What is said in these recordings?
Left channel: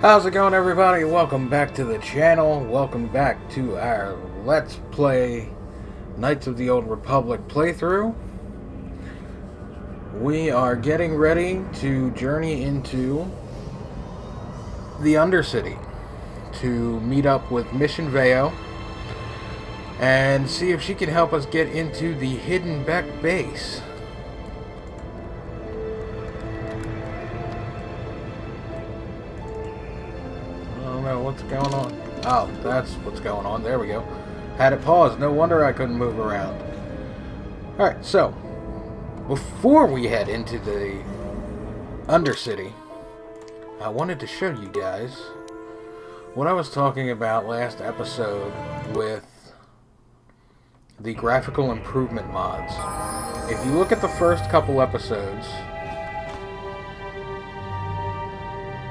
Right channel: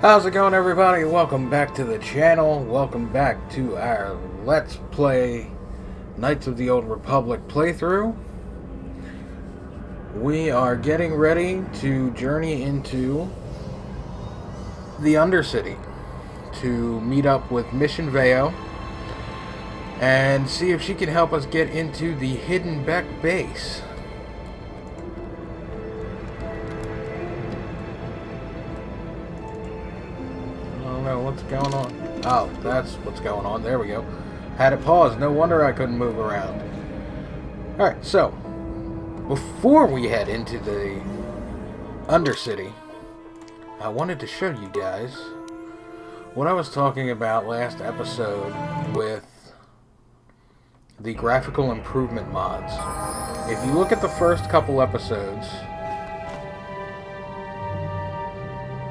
How's it going, everybody? Welcome back to the channel. Welcome back to our Let's Play Knights of the Old Republic playthrough. We are getting ready to journey into the Undercity to meet up with Mission Vao and see if she can help us get into the hidden Beck base. What's going on? Oh, that's what's going on. There we go. Had it paused. No wonder I couldn't move around. Alright, so before we head into the Undercity, I wanted to show you guys what I was talking about last episode with the graphical improvement mods. If you look at the first couple episodes,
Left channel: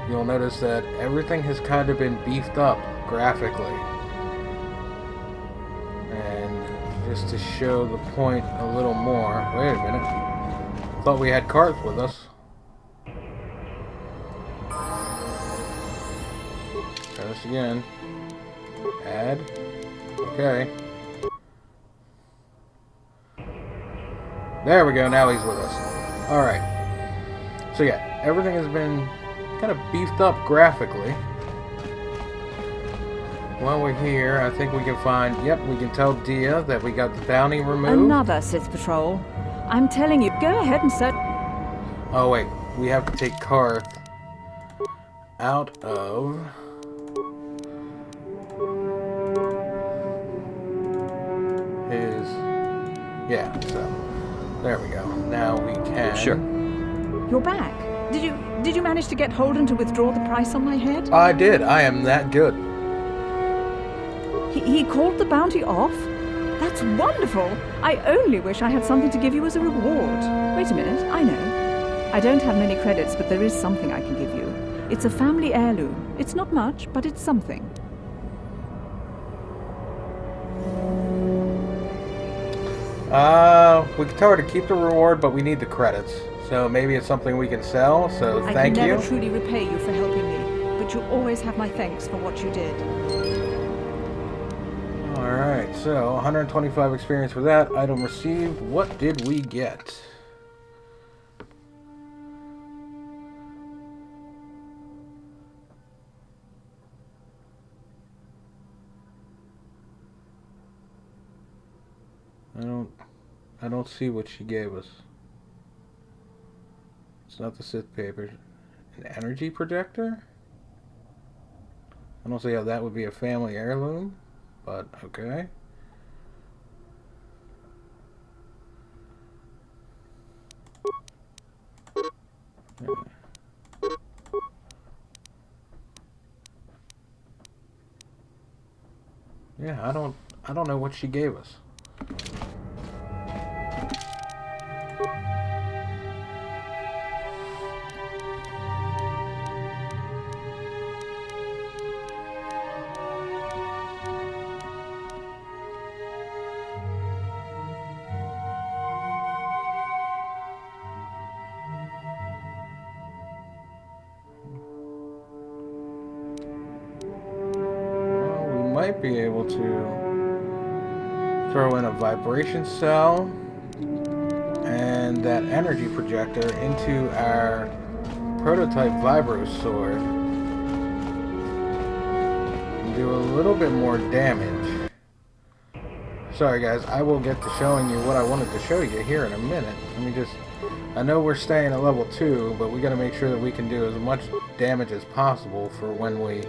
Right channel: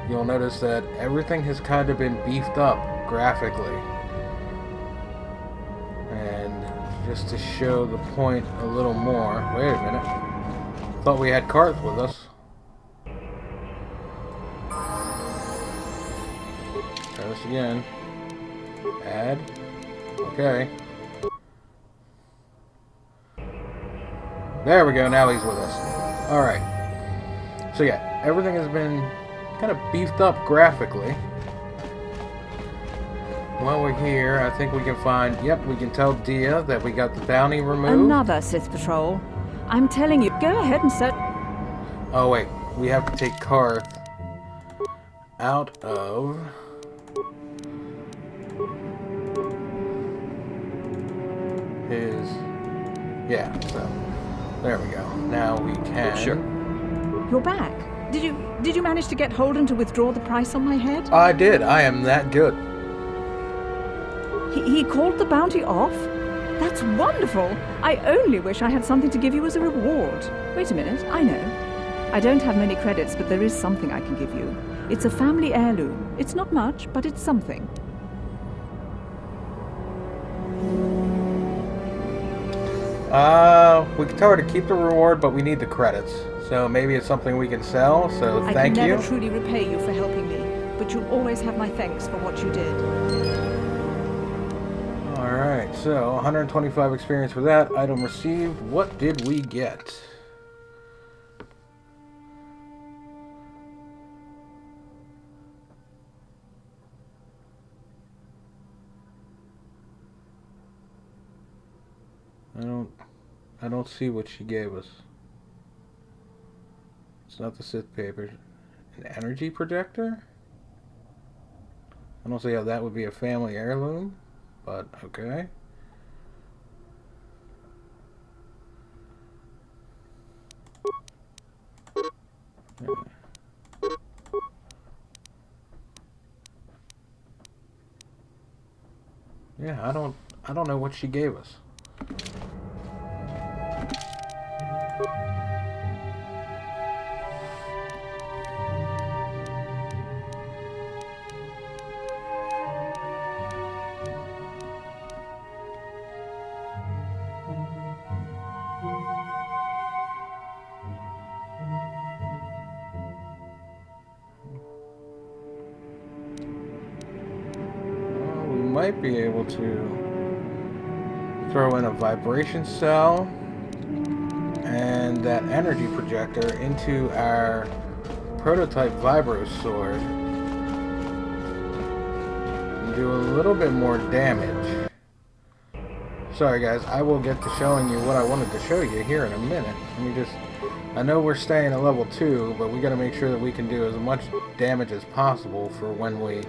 you'll notice that everything has kind of been beefed up graphically. And just to show the point a little more... Wait a minute. Thought we had Karth with us. Try this again. Add. Okay. There we go. Now he's with us. Alright. So yeah, everything has been kind of beefed up graphically. While we're here, I think we can find... Yep, we can tell Dia that we got the bounty removed. Another Sith patrol. I'm telling you, go ahead and search. Oh wait, we have to take Karth out of... his... Yeah, so... There we go. Now we can... Sure. You're back. Did you manage to get Holden to withdraw the price on my head? I did. I am that good. He called the bounty off? That's wonderful. I only wish I had something to give you as a reward. Wait a minute. I know. I don't have many credits, but there is something I can give you. It's a family heirloom. It's not much, but it's something. We can tell her to keep the reward, but we need the credits. So maybe it's something we can sell, so thank you. I can never truly repay you for helping me, but you'll always have my thanks for what you did. Alright, so 125 experience for that. Item received. What did we get? I don't see what she gave us. It's not the Sith paper. An energy projector? I don't see how that would be a family heirloom, but okay. Yeah, I don't know what she gave us. Might be able to throw in a vibration cell and that energy projector into our prototype vibro sword and do a little bit more damage. Sorry guys, I will get to showing you what I wanted to show you here in a minute. Let me just... I know we're staying at level 2, but we gotta make sure that we can do as much damage as possible for when we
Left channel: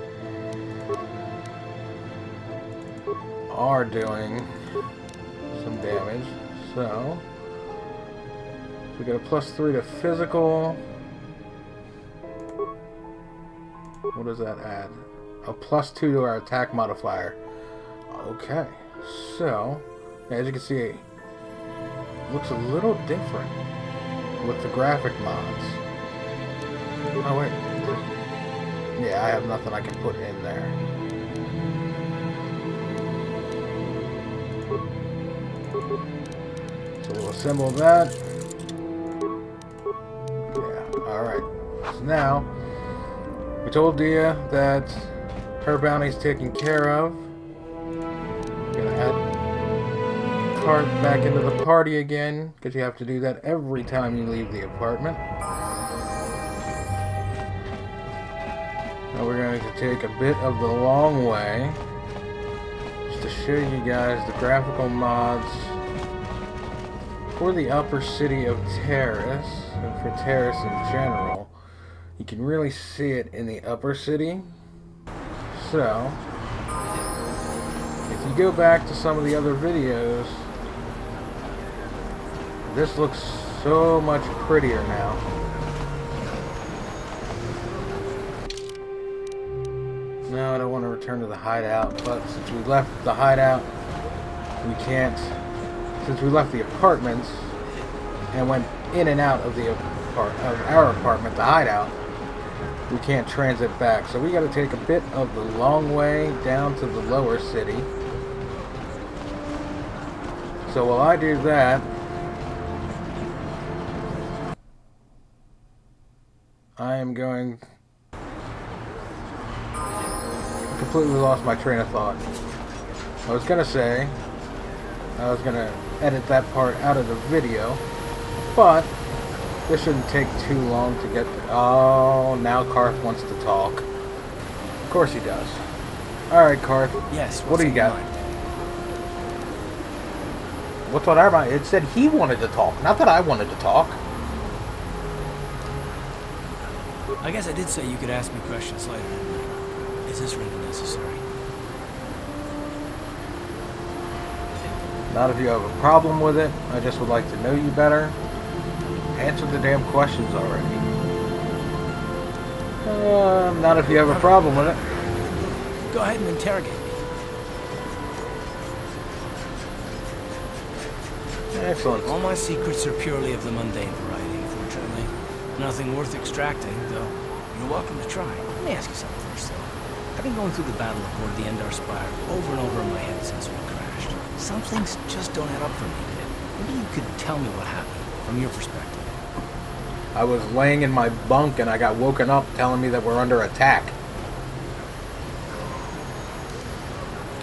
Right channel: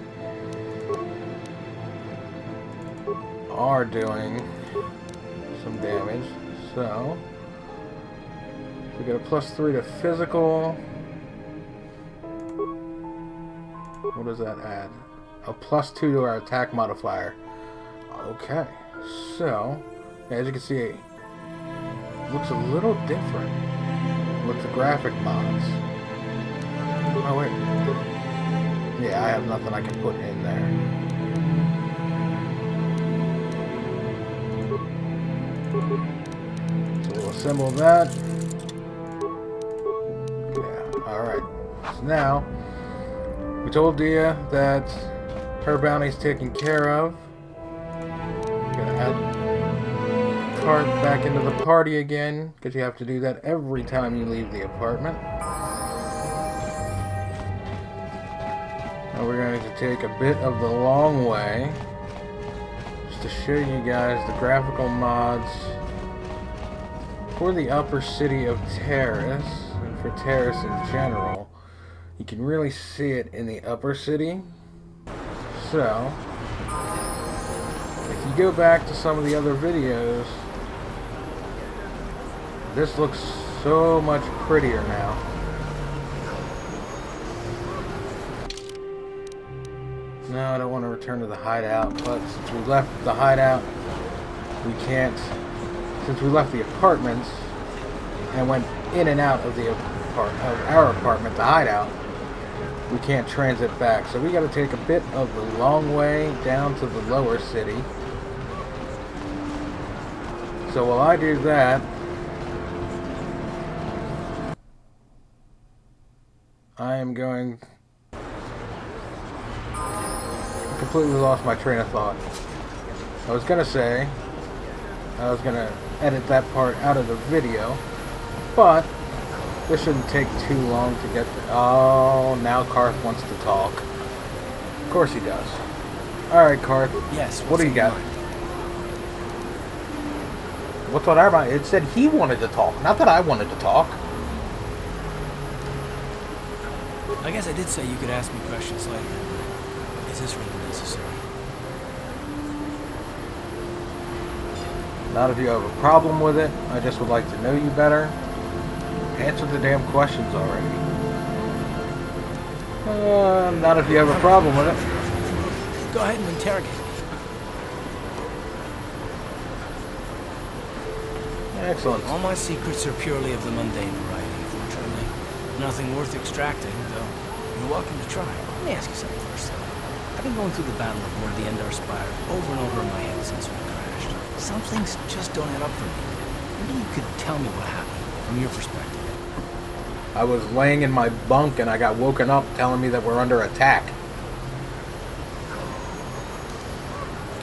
are doing some damage. So we got a +3 to physical. What does that add? A +2 to our attack modifier. Okay, so as you can see, it looks a little different with the graphic mods. Oh wait, yeah, I have nothing I can put in there. So we'll assemble that. Yeah, alright. So now We told Dia that her bounty's taken care of. Gonna add Karth back into the party again, because you have to do that every time you leave the apartment. Now we're going to take a bit of the long way, just to show you guys the graphical mods for the upper city of Taris, and for Taris in general. You can really see it in the upper city. So, if you go back to some of the other videos, this looks so much prettier now. No, I don't want to return to the hideout, but since we left the hideout, we can't. Since we left the apartments and went in and out of our apartment, the hideout, we can't transit back. So we got to take a bit of the long way down to the lower city. So while I do that, I am going... I completely lost my train of thought. I was going to say I was going to edit that part out of the video, but this shouldn't take too long to get there. Oh, now Karth wants to talk. Of course he does. Alright, Karth. Yes, what do you got? What's on our mind? It said he wanted to talk, not that I wanted to talk. I guess I did say you could ask me questions later. Is this really necessary? Not if you have a problem with it. I just would like to know you better. Answer the damn questions already. Not if you have a problem with it. Go ahead and interrogate me. Excellent. All my secrets are purely of the mundane variety, unfortunately. Nothing worth extracting, though you're welcome to try. Let me ask you something first, though. I've been going through the battle aboard the Endar Spire over and over in my head since we crashed. Some things just don't add up for me. Maybe you could tell me what happened, from your perspective. I was laying in my bunk and I got woken up telling me that we're under attack.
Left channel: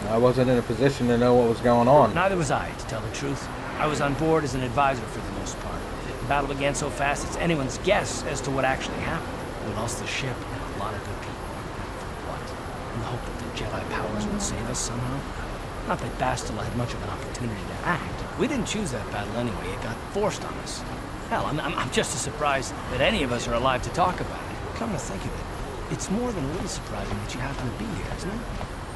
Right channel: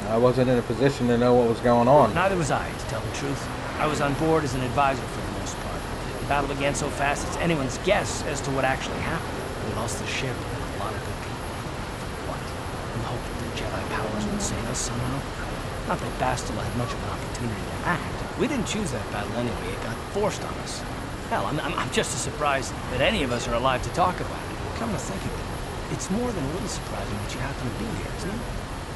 I wasn't in a position to know what was going on. Neither was I, to tell the truth. I was on board as an advisor for the most part. The battle began so fast it's anyone's guess as to what actually happened. We lost the ship and a lot of good people. For what? In the hope that the Jedi powers would save us somehow? Not that Bastila had much of an opportunity to act. We didn't choose that battle anyway. It got forced on us. Hell, I'm just as surprised that any of us are alive to talk about it. Come to think of it, it's more than a little surprising that you happen to be here, isn't it?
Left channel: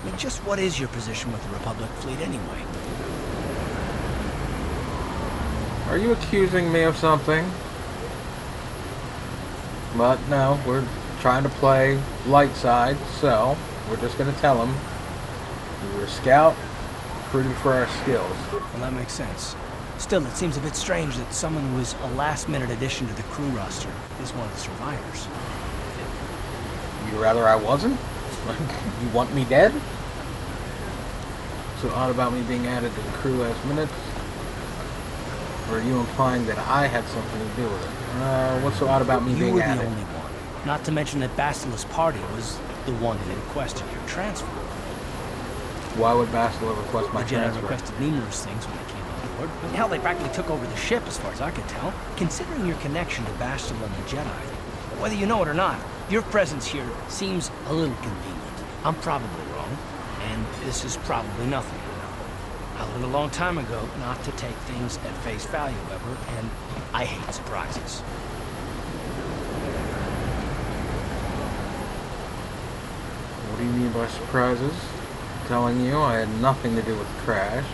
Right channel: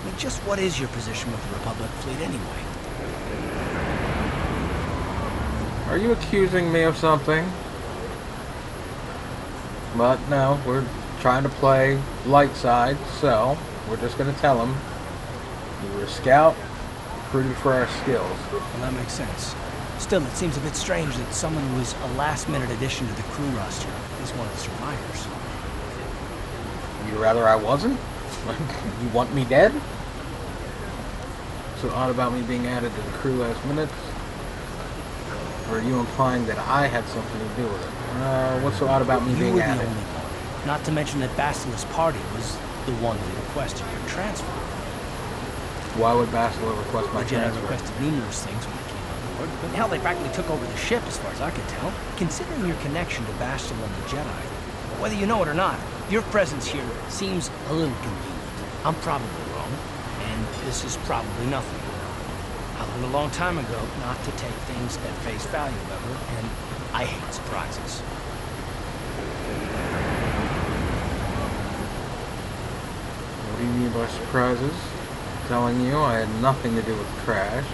I mean, just what is your position with the Republic fleet anyway? Are you accusing me of something? But no, we're trying to play light side, so we're just going to tell him we were a scout, recruited for our skills. Well, that makes sense. Still, it seems a bit strange that someone who was a last-minute addition to the crew roster is one of the survivors. You'd rather I wasn't? You want me dead? So odd about me being added to the crew last minute? Or are you implying that I had something to do with it? What's so odd about me being added? You were the only one. Not to mention that Bastila's party was the one that requested your transfer. Why would Bastila request my the Jedi transfer? Requested numerous things when they came on board. But hell, they practically took over the ship as far as I could tell. Considering your connection to Bastila and the Jedi, whether you know it or not, your presence here seems a little convenient. I'm probably wrong, and this is probably nothing. I learned a long time ago not to take things at face value ever, and I hate surprises. What do you mean by surprises? Telling you I had nothing to do with the crash.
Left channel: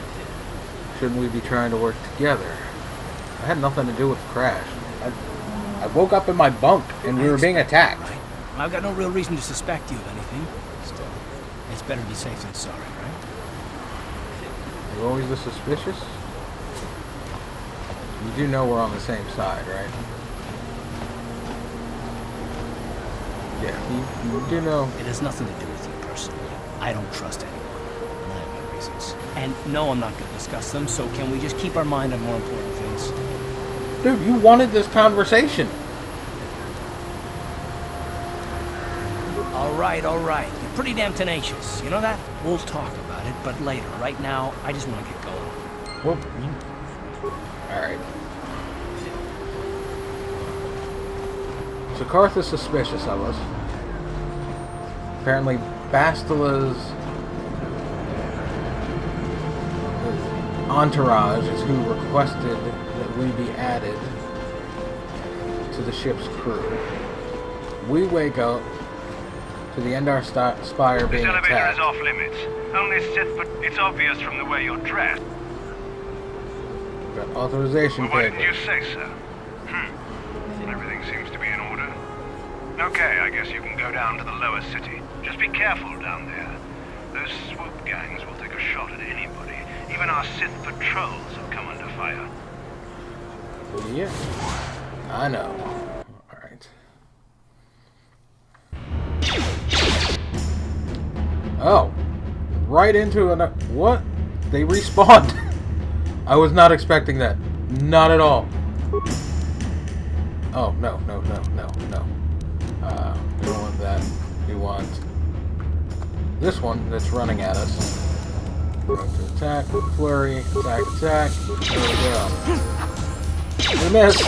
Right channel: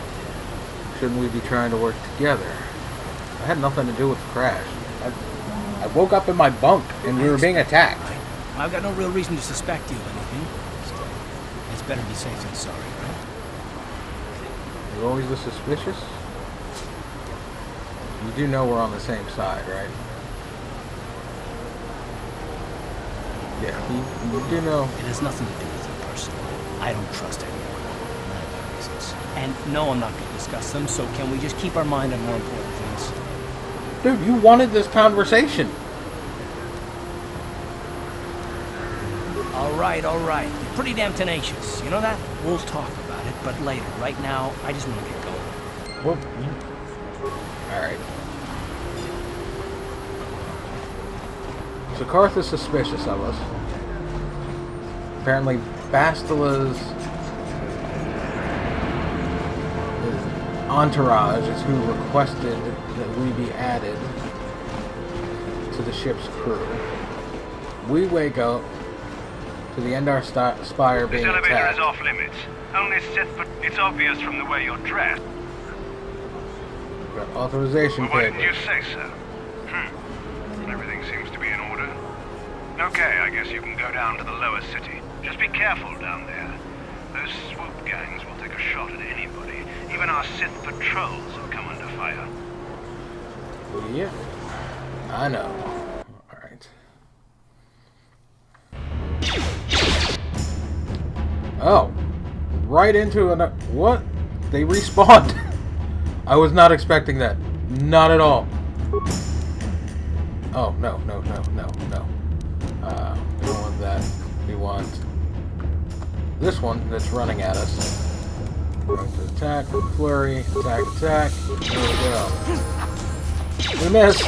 Shouldn't we be trying to work together? I had nothing to do with the crash. I woke up in my bunk and we were being attacked. Right? I've got no real reason to suspect you of anything. Still, it's better to be safe than sorry, right? You're always this suspicious? You do know we're on the same side, right? Yeah, you do know. It has nothing to do with you personally. I don't trust anyone. None of my reasons. And no, I'm not going to discuss them, so can we just keep our mind on more important things? Dude, you wanted this conversation. Alright, alright. You're pretty damn tenacious. You know that? We'll talk about it, but later. Right now, I just want to get going. Whoop. Alright. So Karth is suspicious of us. Apparently Bastila's entourage is who requested that we be added to the ship's crew. We wake up to the Endar Spire being attacked. This elevator is off limits. Only Sith, but it's obvious from the way you're dressed. We've got authorization Well, why papers. didn't you say so? Everything seems to be in order. Okay, I guess you can go down to the lower city. Just be careful down there. Those swoop gangs will take a shot at anybody. Even our Sith patrols have come under fire. Yeah, I know. Alright. Oh. Right into an... What? They respawned. I was not expecting that. Not at all. Oh, no. We don't want that. We want this one that's running at us. Going to attack, flurry, attack. There we go. We missed!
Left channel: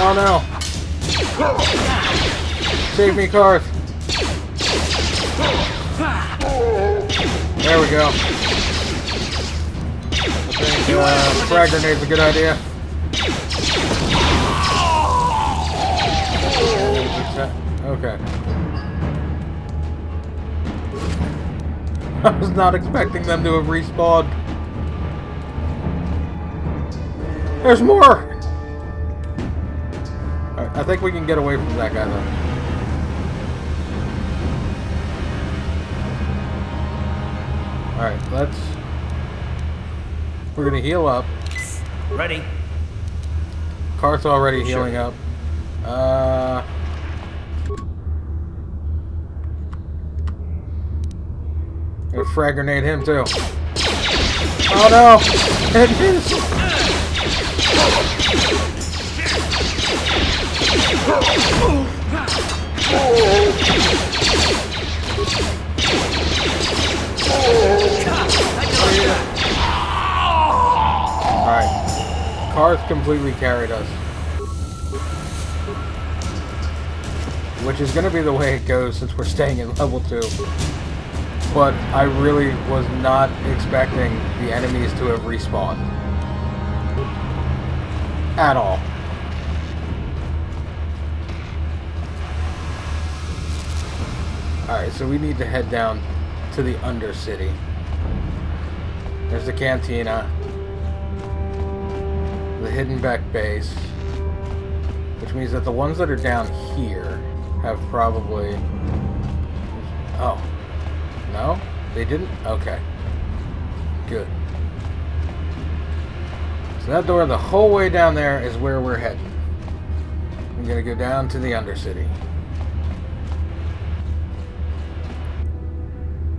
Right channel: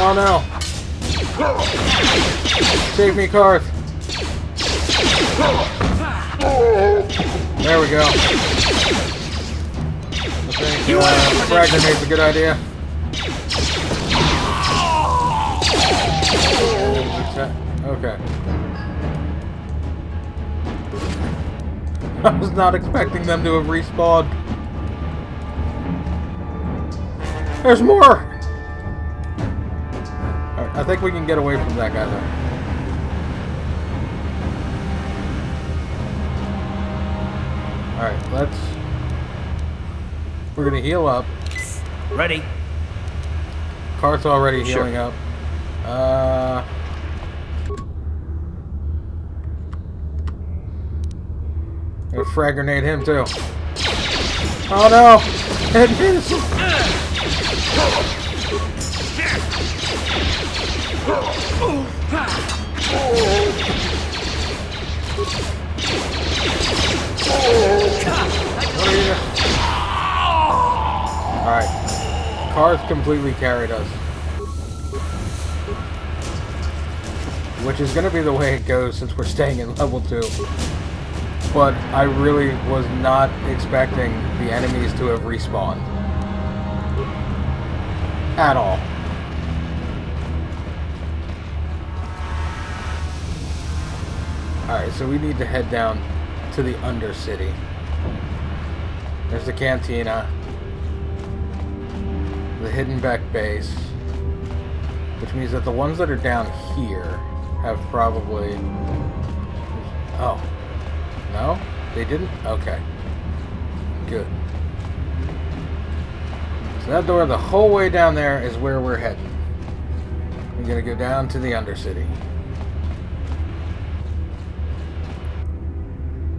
Oh no! Save me, Karth! There we go. I think frag grenade's a good idea. Okay. I was not expecting them to have respawned. There's more! Alright, I think we can get away from that guy, though. Alright, let's... We're gonna heal up. Ready? Karth's already healing up. Gonna frag grenade him, too. Oh, no! It is! Alright. Karth completely carried us. Which is gonna be the way it goes since we're staying in level 2. But I really was not expecting the enemies to have respawned. At all. Alright, so we need to head down to the Undercity. There's the cantina. The hidden back base. Which means that the ones that are down here have probably... Oh. No? They didn't? Okay. Good. So that door the whole way down there is where we're heading. We're gonna go down to the Undercity.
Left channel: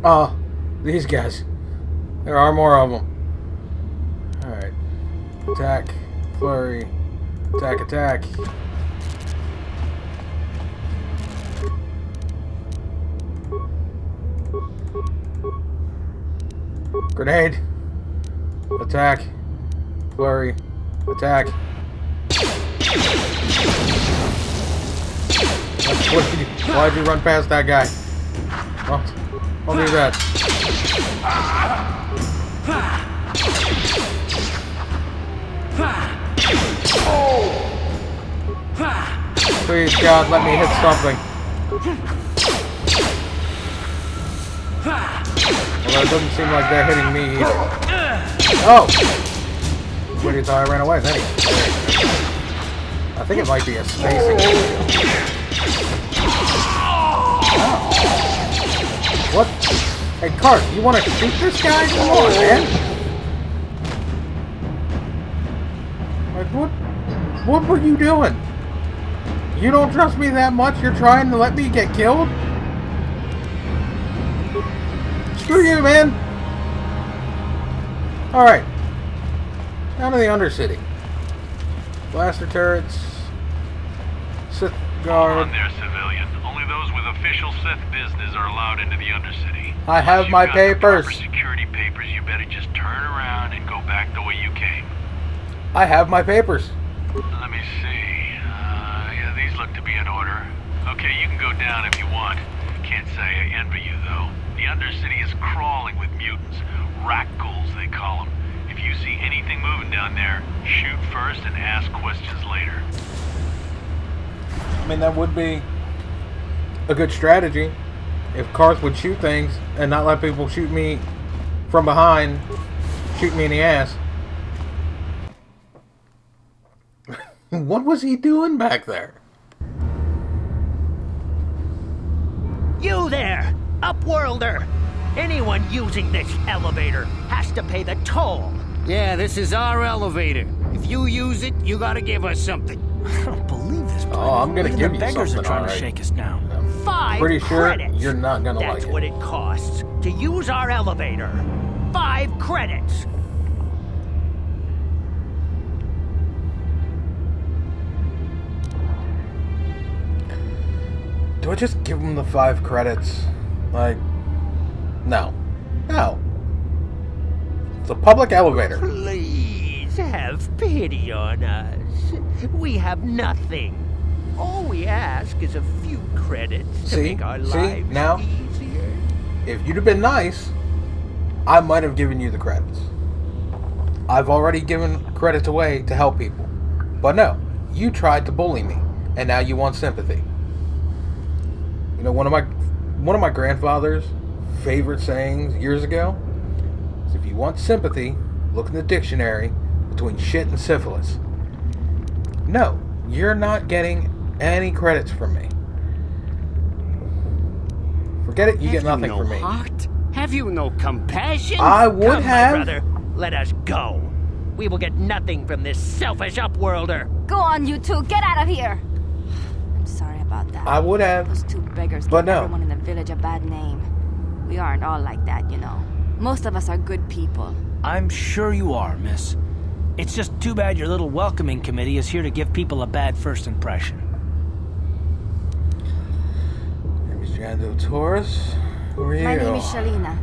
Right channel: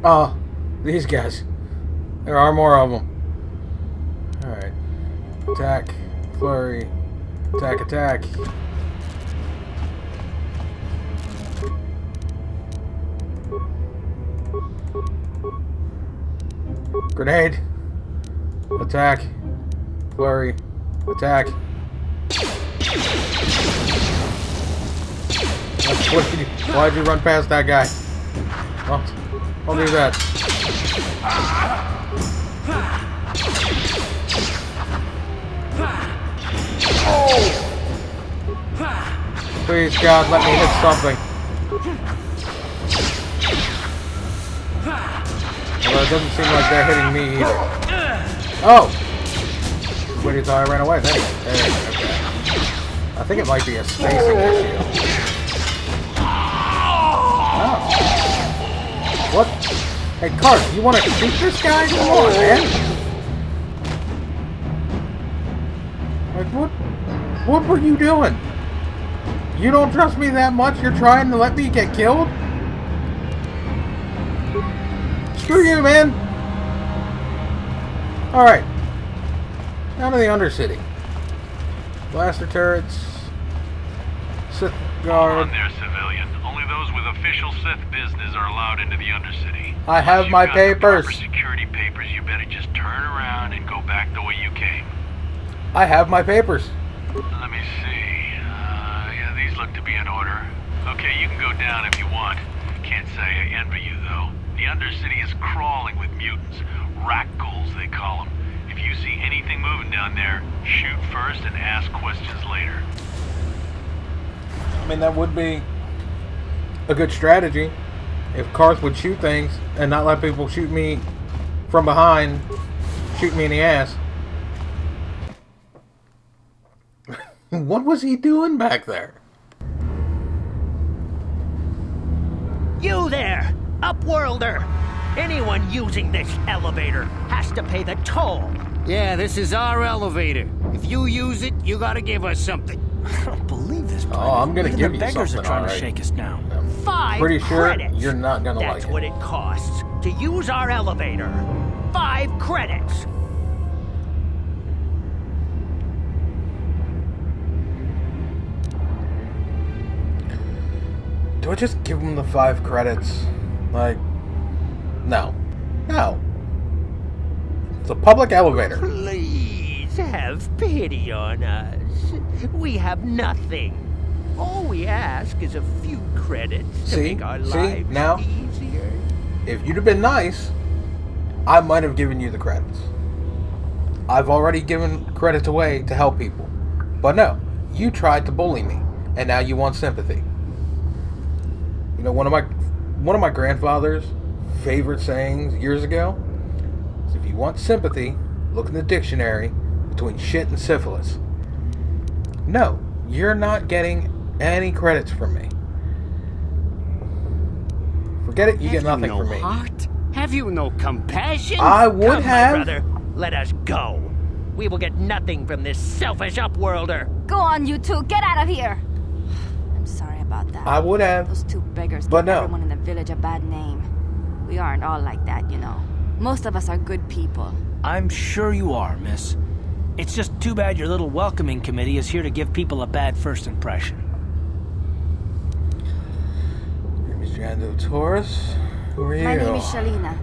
Oh, these guys. There are more of them. Alright. Attack. Flurry. Attack. Grenade. Attack. Flurry. Attack. Why'd you run past that guy? Well, I'll do that. Please, God, let me hit something. Although it doesn't seem like they're hitting me either. Oh! What do you thought I ran away? There you go. I think it might be a spacing issue. Oh. What? Hey, Karth, you want to shoot this guy? Come on, man! Like, what were you doing? You don't trust me that much? You're trying to let me get killed? Screw you, man! Alright. Down to the Undercity. Blaster turrets. Sith guard. Hold on there, civilian. Only those those with official Sith business are allowed into the Undercity. I have Once my you've got the papers. proper security papers, you better just turn around and go back the way you came. I have my papers. Let me see. Yeah, these look to be in order. Okay, you can go down if you want. Can't say I envy you, though. The Undercity is crawling with mutants. Rakghouls, they call them. If you see anything moving down there, shoot first and ask questions later. I mean, that would be a good strategy. If Karth would shoot things and not let people shoot me from behind, shoot me in the ass. What was he doing back there? You there, Upworlder! Anyone using this elevator has to pay the toll. Yeah, this is our elevator. If you use it, you gotta give us something. I don't believe this place. Oh, I'm gonna Even give the you beggars something, are trying alright. to shake us down. I'm 5 pretty sure credits. you're not gonna That's like what it. it costs to use our elevator. 5 credits. Do I just give him the 5 credits? Like, no. No. It's a public elevator. Please have pity on us. We have nothing. All we ask is a few credits to See? make our See? lives Now? easier. If you'd have been nice, I might have given you the credits. I've already given credits away to help people. But no, you tried to bully me, and now you want sympathy. You know, one of my grandfather's favorite sayings years ago is, if you want sympathy, look in the dictionary between shit and syphilis. No, you're not getting any credits from me. Forget it, you get nothing from me. Heart? Have you no compassion? I would Come, have. my brother, let us go. We will get nothing from this selfish Upworlder. Go on, you two. Get out of here. I'm sorry about that. I would have. Those 2 beggars But give no. everyone in the village a bad name. We aren't all like that, you know. Most of us are good people. I'm sure you are, miss. It's just too bad your little welcoming committee is here to give people a bad first impression. Mission Vao Taris. Who are you? My name is Shalina.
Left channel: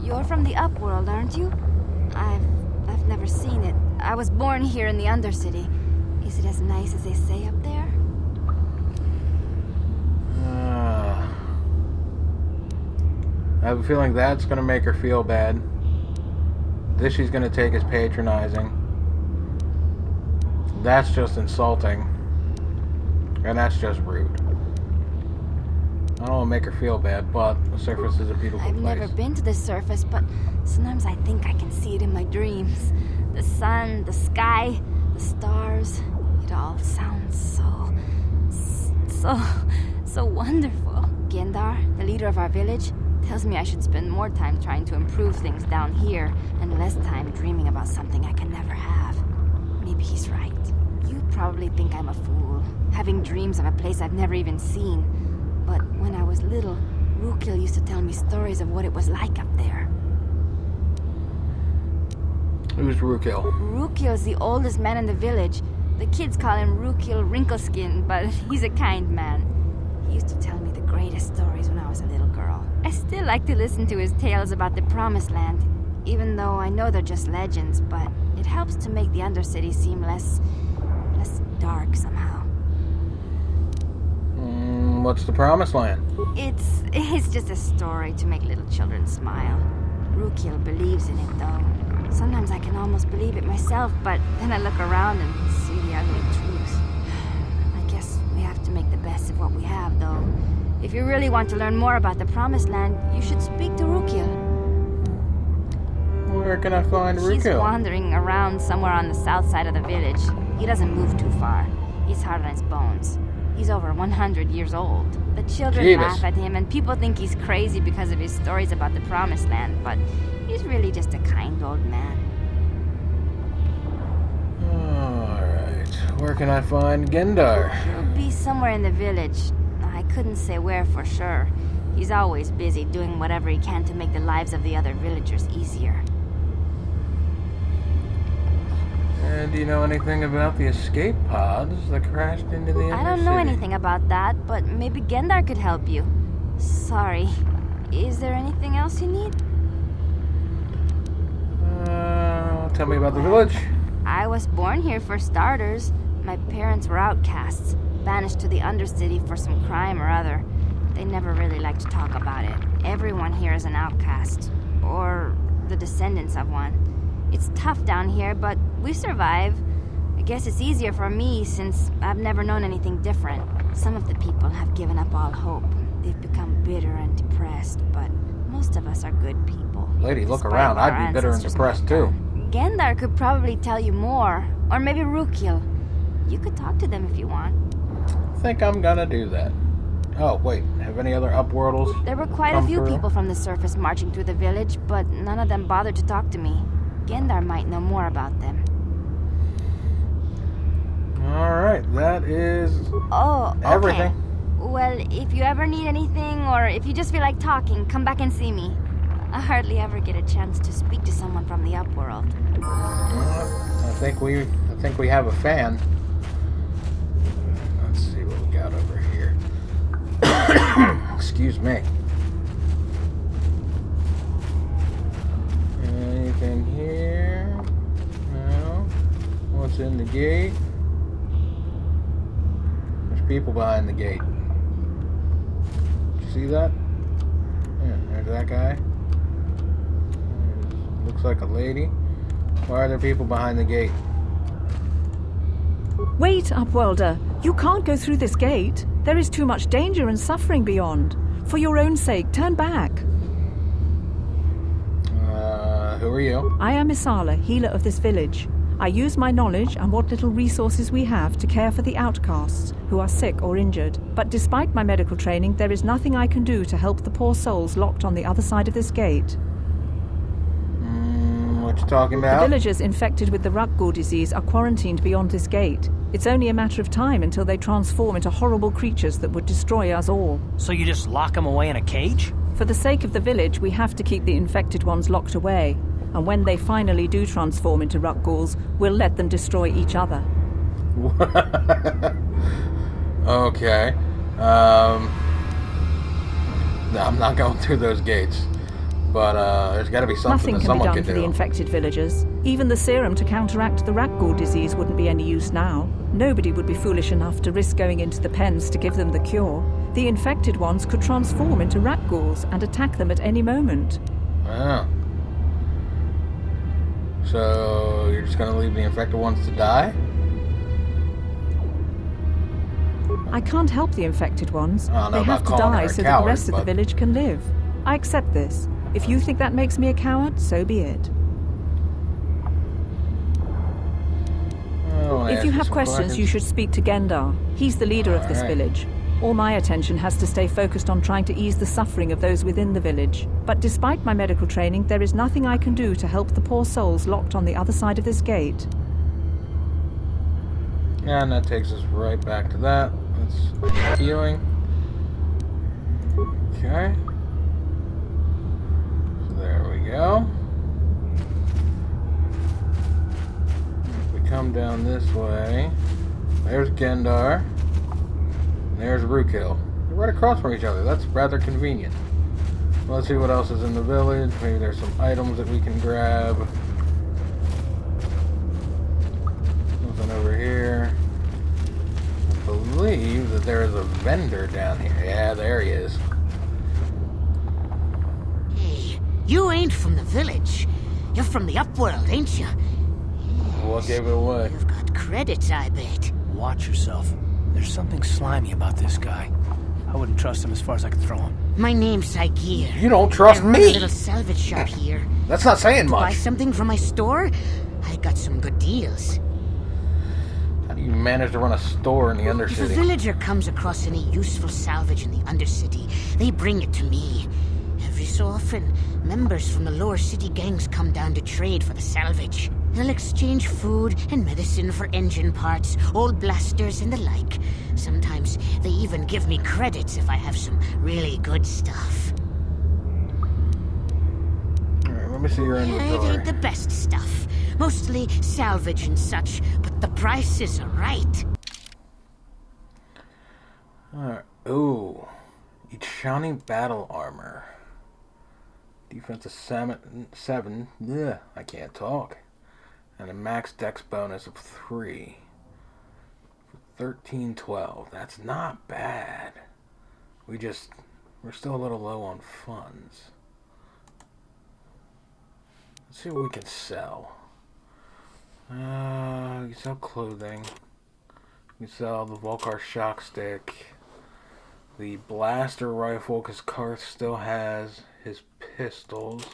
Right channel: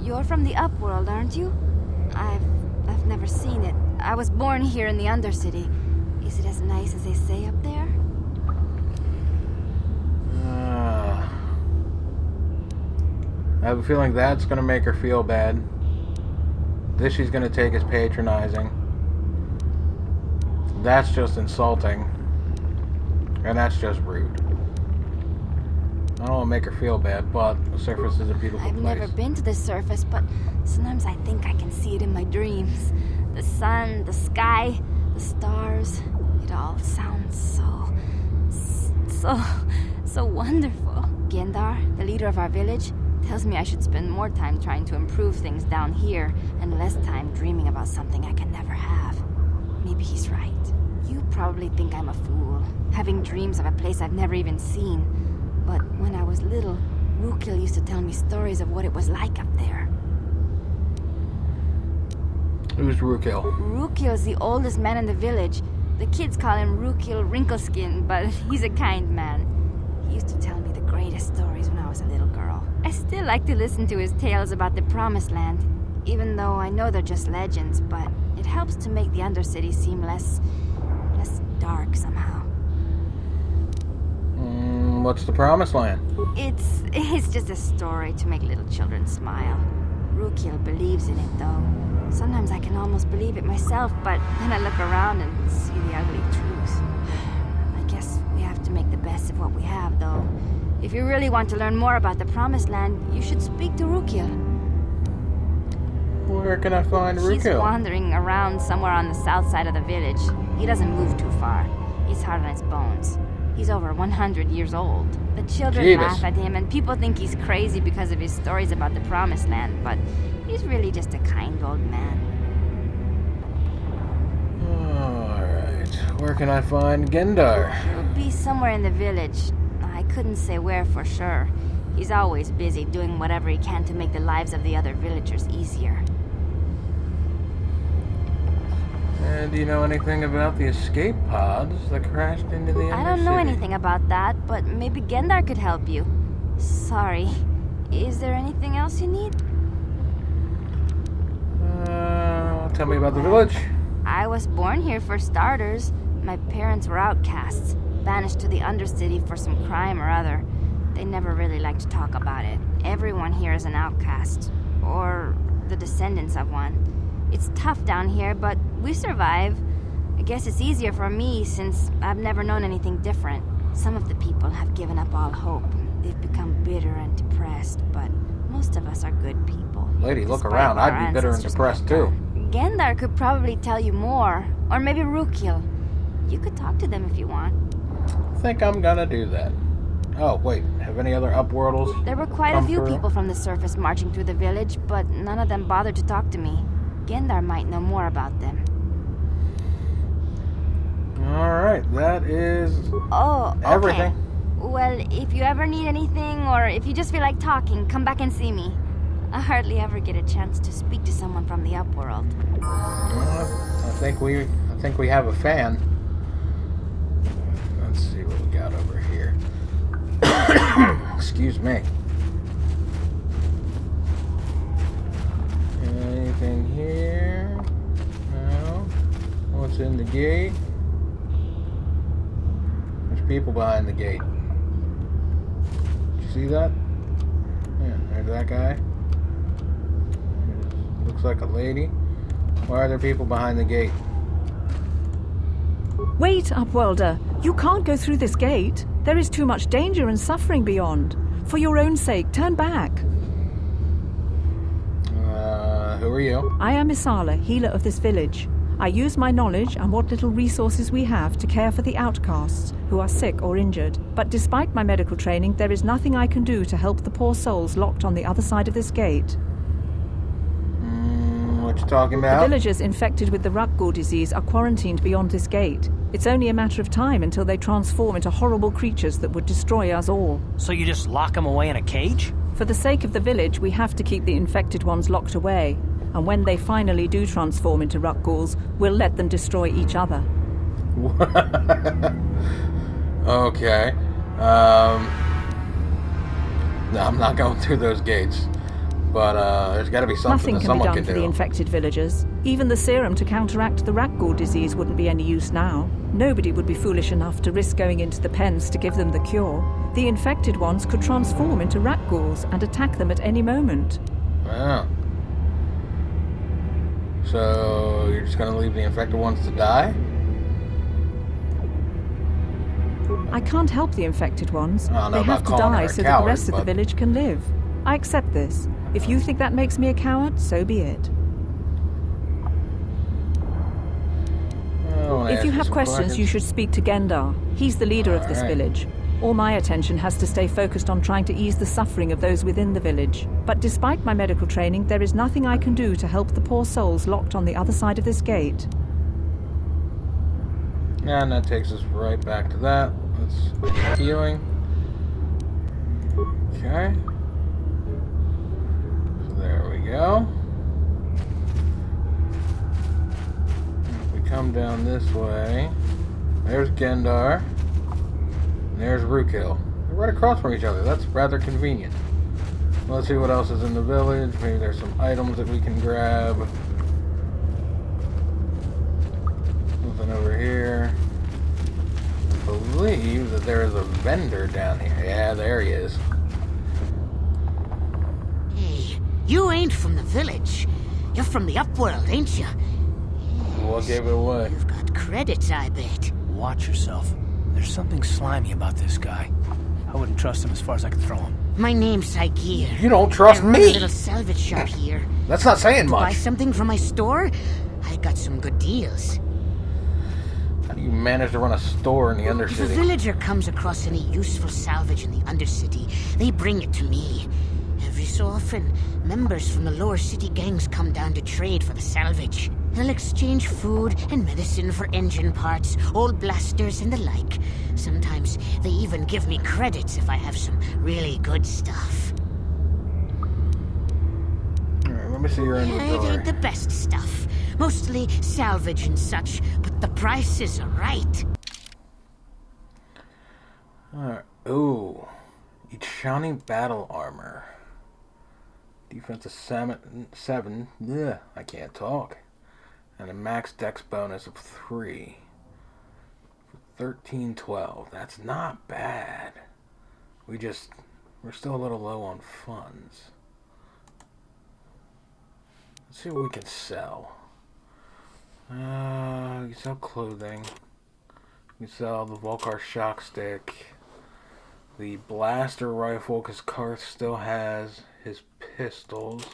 You're from the Upworld, aren't you? I've never seen it. I was born here in the Undercity. Is it as nice as they say up there? I have a feeling that's going to make her feel bad. This she's going to take as patronizing. That's just insulting. And that's just rude. I don't want to make her feel bad, but the surface is a beautiful I've place. never been to the surface, but sometimes I think I can see it in my dreams. The sun, the sky, the stars. It all sounds so wonderful. Gendar, the leader of our village, tells me I should spend more time trying to improve things down here and less time dreaming about something I can never have. Maybe he's right. You probably think I'm a fool, having dreams of a place I've never even seen. But when I was little, Rukil used to tell me stories of what it was like up there. Who's Rukil? Rukil's the oldest man in the village. The kids call him Rukil Wrinkleskin, but he's a kind man. He used to tell me the greatest stories when I was a little girl. I still like to listen to his tales about the Promised Land, even though I know they're just legends, but it helps to make the Undercity seem less dark somehow. What's the Promised Land? It's just a story to make little children smile. Rukil believes in it, though. Sometimes I can almost believe it myself, but then I look around and see the ugly truth. I guess we have to make the best of what we have, though. If you really want to learn more about the Promised Land, you should speak to Rukil. Where can I find He's Rukil? wandering around somewhere on the south side of the village. He doesn't move too far. He's hard on his bones. He's over 100 years old. The children Jeebus. laugh at him, and people think he's crazy because of his stories about the Promised Land, but he's really just a kind old man. Alright. Where can I find Gendar? He'll be somewhere in the village. I couldn't say where for sure. He's always busy doing whatever he can to make the lives of the other villagers easier. And do you know anything about the escape pods that crashed into the Undercity? I don't know anything about that, but maybe Gendar could help you. Sorry. Is there anything else you need? Tell me about the village. I was born here for starters. My parents were outcasts, banished to the Undercity for some crime or other. They never really liked to talk about it. Everyone here is an outcast, or the descendants of one. It's tough down here, but we survive. I guess it's easier for me since I've never known anything different. Some of the people have given up all hope. They've become bitter and depressed, but most of us are good people. Lady, look despite around. what I'd our be bitter and ancestors depressed might too. have done. Gendar could probably tell you more, or maybe Rukil. You could talk to them if you want. I think I'm gonna do that. Oh, wait. Have any other upworldles? There were quite a come few through? people from the surface marching through the village, but none of them bothered to talk to me. Gendar might know more about them. Alright, that is Oh, okay. everything. Well, if you ever need anything, or if you just feel like talking, come back and see me. I hardly ever get a chance to speak to someone from the upworld. I think we have a fan. Let's see what we got over here. Excuse me. Anything here? No. What's in the gate? There's people behind the gate. Did you see that? Yeah, there's that guy. Looks like a lady. Why are there people behind the gate? Wait, Upworlder. You can't go through this gate. There is too much danger and suffering beyond. For your own sake, turn back. Who are you? I am Isala, healer of this village. I use my knowledge and what little resources we have to care for the outcasts who are sick or injured. But despite my medical training, there is nothing I can do to help the poor souls locked on the other side of this gate. What you talking about? The villagers infected with the Rakghoul disease are quarantined beyond this gate. It's only a matter of time until they transform into horrible creatures that would destroy us all. So you just lock them away in a cage? For the sake of the village, we have to keep the infected ones locked away. And when they finally do transform into Rakghouls, we'll let them destroy each other. Okay. No, I'm not going through those gates. But there's got to be something Nothing that can be someone done can for do. the infected villagers. Even the serum to counteract the Rakghoul disease wouldn't be any use now. Nobody would be foolish enough to risk going into the pens to give them the cure. The infected ones could transform into Rakghouls and attack them at any moment. Wow. So you're just going to leave the infected ones to die? I can't help the infected ones. I don't know They have about to calling her die a so that coward, the rest of the but- village can live. I accept this. If you think that makes me a coward, so be it. If you have questions, you should speak to Gendar. He's the leader of this Alright. village. All my attention has to stay focused on trying to ease the suffering of those within the village. But despite my medical training, there is nothing I can do to help the poor souls locked on the other side of this gate. And that takes us right back to that. Let's healing. Okay. So there we go. And if we come down this way, there's Gendar. And there's Rukil. They're right across from each other. That's rather convenient. Let's see what else is in the village. Maybe there's some items that we can grab. Nothing over here. I believe that there is a vendor down here. Yeah, there he is. Hey, you ain't from the village. You're from the upworld, ain't you? What gave it away? You've got credits, I bet. Watch yourself. There's something slimy about this guy. I wouldn't trust him as far as I could throw him. My name's Saigir. You don't trust I run a me! little salvage shop here. That's not saying To buy much. something from my store? I got some good deals. How do you manage to run a store in the If a Undercity? villager comes across any useful salvage in the Undercity, they bring it to me. Every so often, members from the lower city gangs come down to trade for the salvage. They'll exchange food and medicine for engine parts, old blasters, and the like. Sometimes they even give me credits if I have some really good stuff. Alright, let me see your It inventory. ain't the best stuff, Mostly salvage and such, but the prices are right. Alright. Ooh. Each shiny battle armor. Defense of 7. Ugh, I can't talk. And a max dex bonus of 3. 1312. That's not bad. We're still a little low on funds. Let's see what we can sell. You can sell clothing. You can sell the Vulkar shock stick. The blaster rifle, because Karth still has his pistols.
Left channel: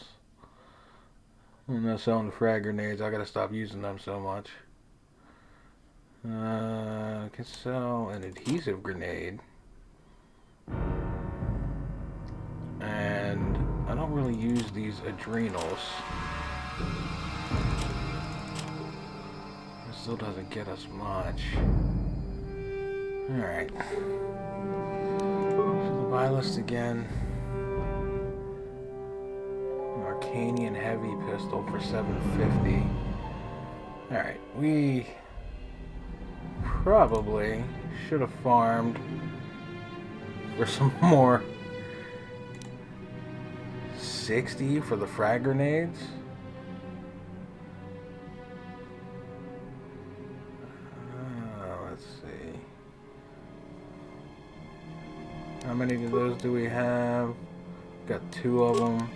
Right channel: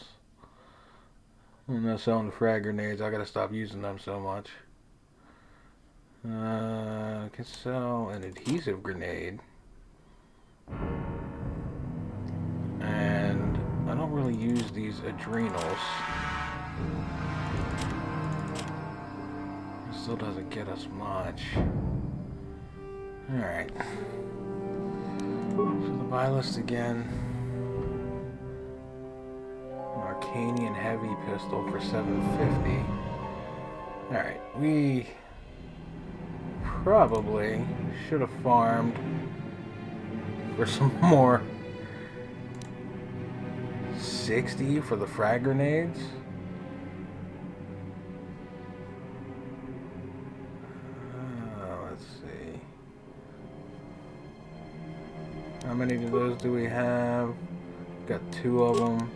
I'm not selling the frag grenades. I gotta stop using them so much. I can sell an adhesive grenade. And I don't really use these adrenals. It still doesn't get us much. Alright. So the buy list again. An Arcanian heavy pistol for $750. Alright, we probably should have farmed for some more 60 for the frag grenades. Let's see. How many of those do we have? Got 2 of them.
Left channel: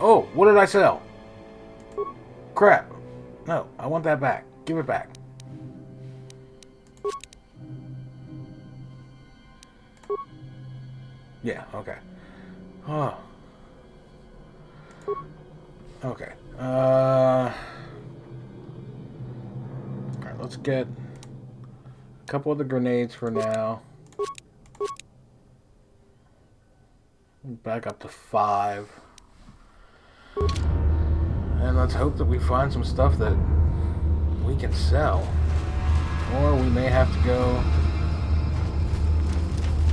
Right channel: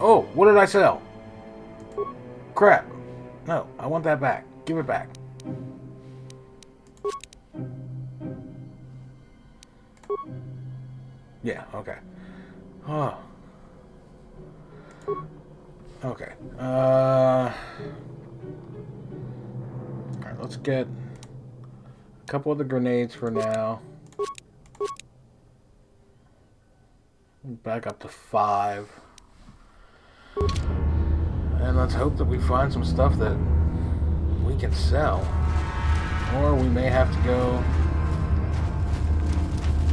Oh, what did I sell? Crap. No, I want that back. Give it back. Yeah, okay. Oh. Okay. Alright, let's get a couple of the grenades for now. Back up to 5. And let's hope that we find some stuff that we can sell. Or we may have to go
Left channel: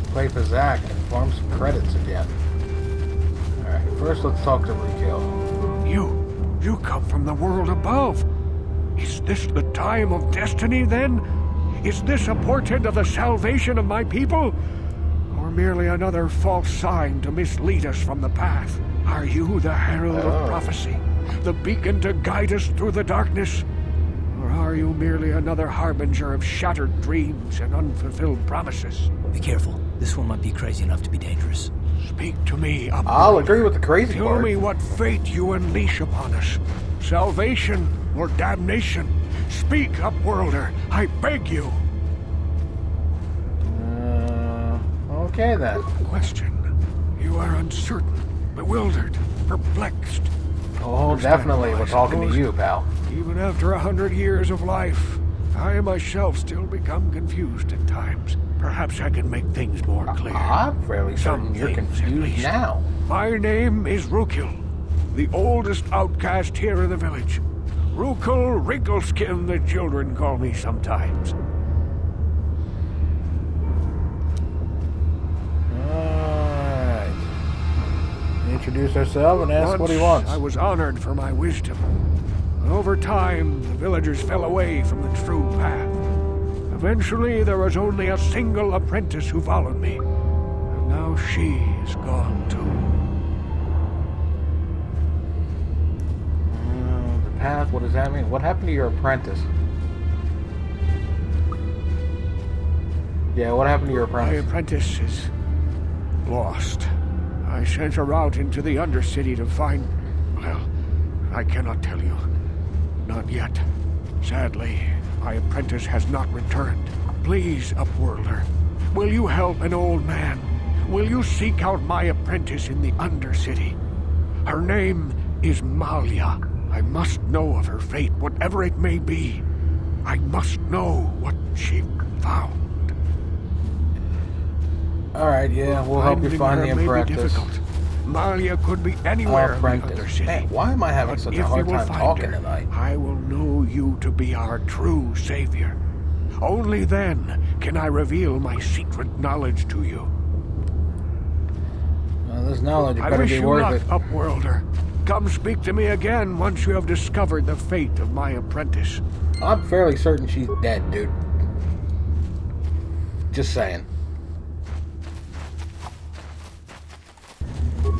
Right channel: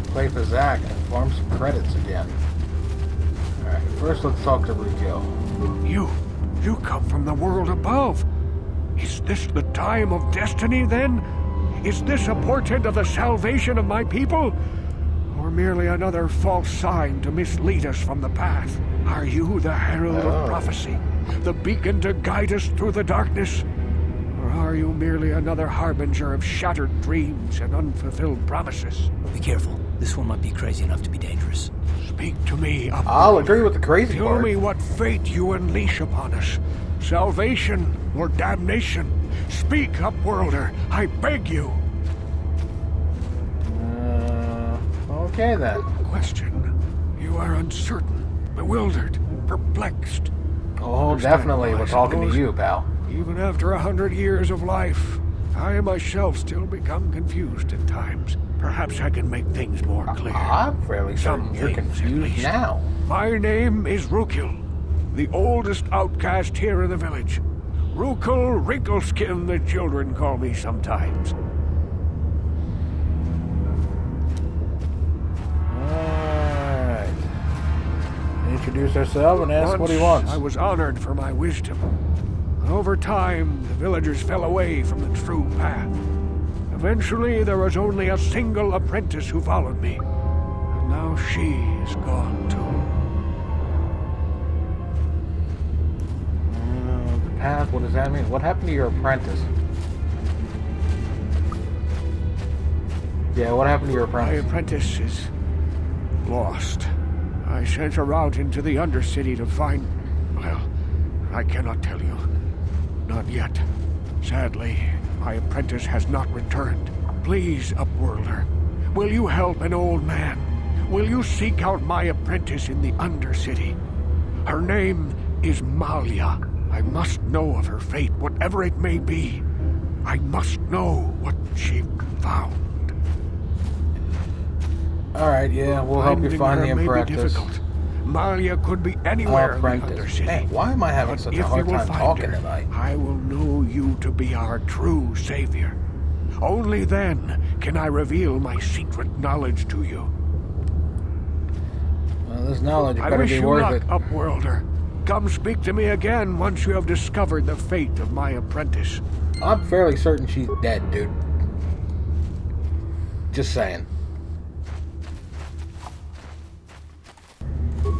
play Pazak and farm some credits again. Alright, first let's talk to Rakghou. You come from the world above. Is this the time of destiny then? Is this a portent of the salvation of my people? Or merely another false sign to mislead us from the path? Are you the herald of prophecy? The beacon to guide us through the darkness? Or are you merely another harbinger of shattered dreams and unfulfilled promises? Be careful. This one might be crazy enough to be dangerous. Speak to me, Upworlder. I'll agree with the crazy Tell part. me what fate you unleash upon us. Salvation or damnation? Speak, Upworlder. I beg you. Okay then. Question. You are uncertain, bewildered, perplexed. Oh, definitely. We're talking to you, pal. Even after 100 years of life, I myself still become confused at times. Perhaps I can make things more clear. I'm fairly certain Some you're things, at confused least. now. My name is Rakghou, the oldest outcast here in the village. Rakghou Wrinkleskin, the children call me sometimes. Alright. Introduce ourselves and ask Once what he wants. I was honored for my wisdom. Over time, the villagers fell away from the true path. Eventually, there was only a single apprentice who followed me. And now she is gone too. The path, what does that mean? What happened to your apprentice? Yeah, what happened to your My apprentice? apprentice is lost. I sent her out into the Undercity to find... Well, I cannot tell you. Not yet. Sadly, my apprentice has not returned. Please, Upworlder, will you help an old man? Will you seek out my apprentice in the Undercity? Her name is Malia. I must know of her fate, whatever it may be. I must know what she found. Alright, yeah, we'll help you Finding find her the may be apprentice. difficult. Malia could be anywhere in the Apprentice. Undercity. Man, why am I having But such if a you hard will time find talking her, tonight? I will know you to be our true savior. Only then can I reveal my secret knowledge to you. Well, this knowledge I better wish be you worth luck, it. Upworlder. come speak to me again once you have discovered the fate of my apprentice. I'm fairly certain she's dead, dude. Just saying.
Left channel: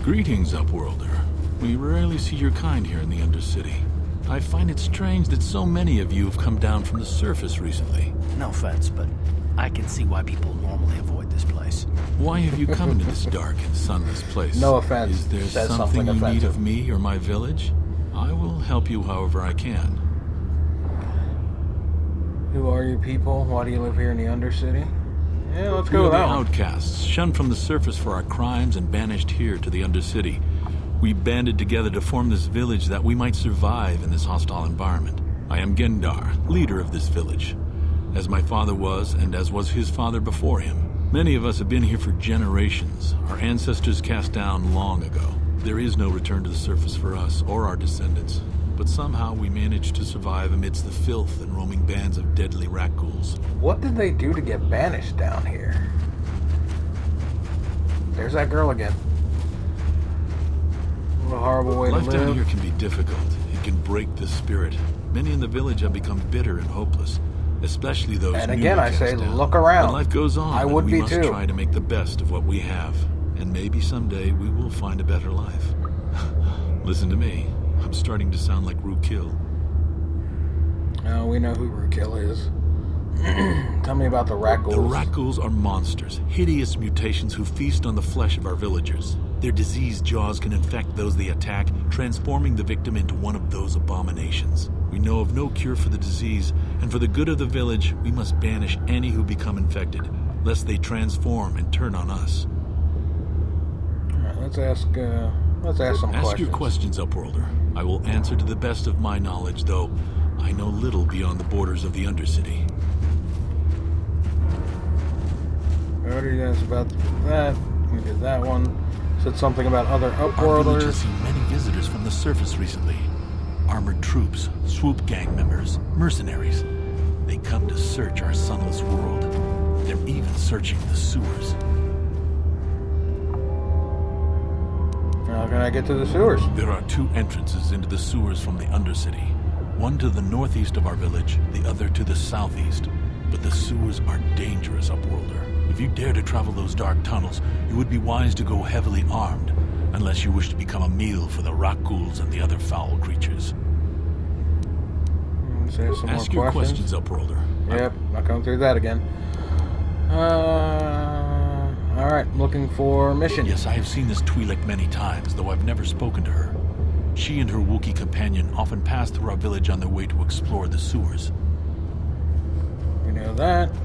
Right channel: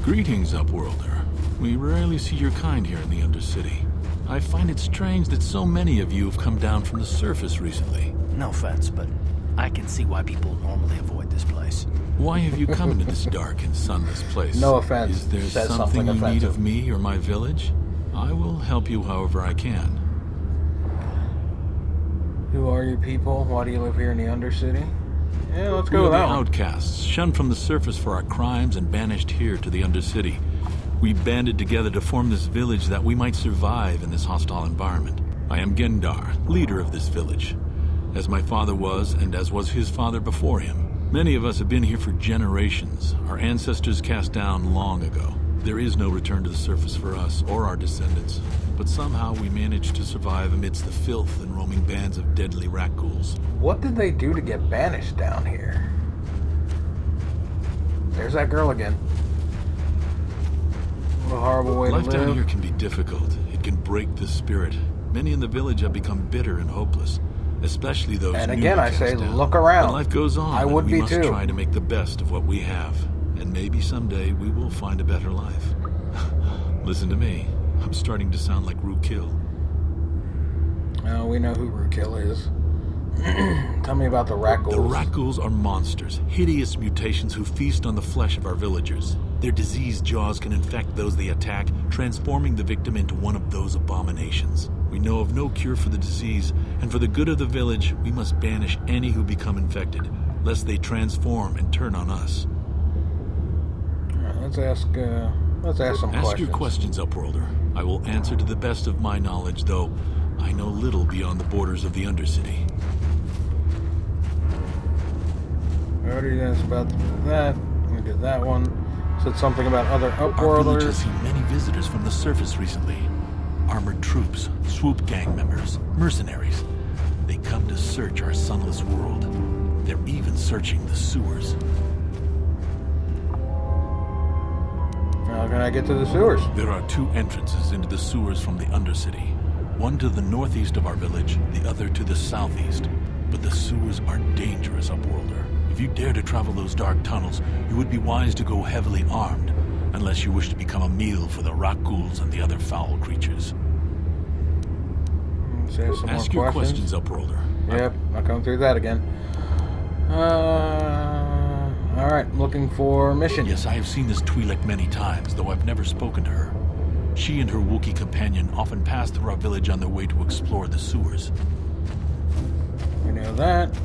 Greetings, Upworlder. We rarely see your kind here in the Undercity. I find it strange that so many of you have come down from the surface recently. No offense, but I can see why people normally avoid this place. Why have you come into this dark and sunless place? No offense. Is there Says something you offensive. need of me or my village? I will help you however I can. Who are you people? Why do you live here in the Undercity? Yeah, let's We go are with the that one. outcasts, shunned from the surface for our crimes and banished here to the Undercity. We banded together to form this village that we might survive in this hostile environment. I am Gendar, leader of this village, as my father was and as was his father before him. Many of us have been here for generations, our ancestors cast down long ago. There is no return to the surface for us or our descendants, but somehow we managed to survive amidst the filth and roaming bands of deadly Rakghouls. What did they do to get banished down here? There's that girl again. What a horrible way Life to down live. here can be difficult. It can break the spirit. Many in the village have become bitter and hopeless, especially those And newly again, I cast say, down. look around. But life goes on. I and would we be must too. try to make the best of what we have, and maybe someday we will find a better life. Listen to me. I'm starting to sound like Rakghouls. Oh, we know who Rakghouls is. Tell me about the Rakghouls. The Rakghouls are monsters, hideous mutations who feast on the flesh of our villagers. Their diseased jaws can infect those they attack, transforming the victim into one of those abominations. We know of no cure for the disease, and for the good of the village, we must banish any who become infected, lest they transform and turn on us. All right, let's ask some questions. Ask your questions, Upworlder. I will answer to the best of my knowledge, though I know little beyond the borders of the Undercity. I already asked about that. We did that one. Said something about other Our village has Upworlders. seen many visitors from the surface recently. Armored troops, swoop gang members, mercenaries. They come to search our sunless world. They're even searching the sewers. How can I get to the sewers? There are two entrances into the sewers from the Undercity. One to the northeast of our village, the other to the southeast. But the sewers are dangerous, Upworlder. If you dare to travel those dark tunnels, you would be wise to go heavily armed, unless you wish to become a meal for the Rakghouls and the other foul creatures. Let's ask some Ask more your questions. questions, Upworlder. Yep, not going through that again. Alright, I'm looking for Mission. Yes, I have seen this Twi'lek many times, though I've never spoken to her. She and her Wookiee companion often pass through our village on their way to explore the sewers. We know that.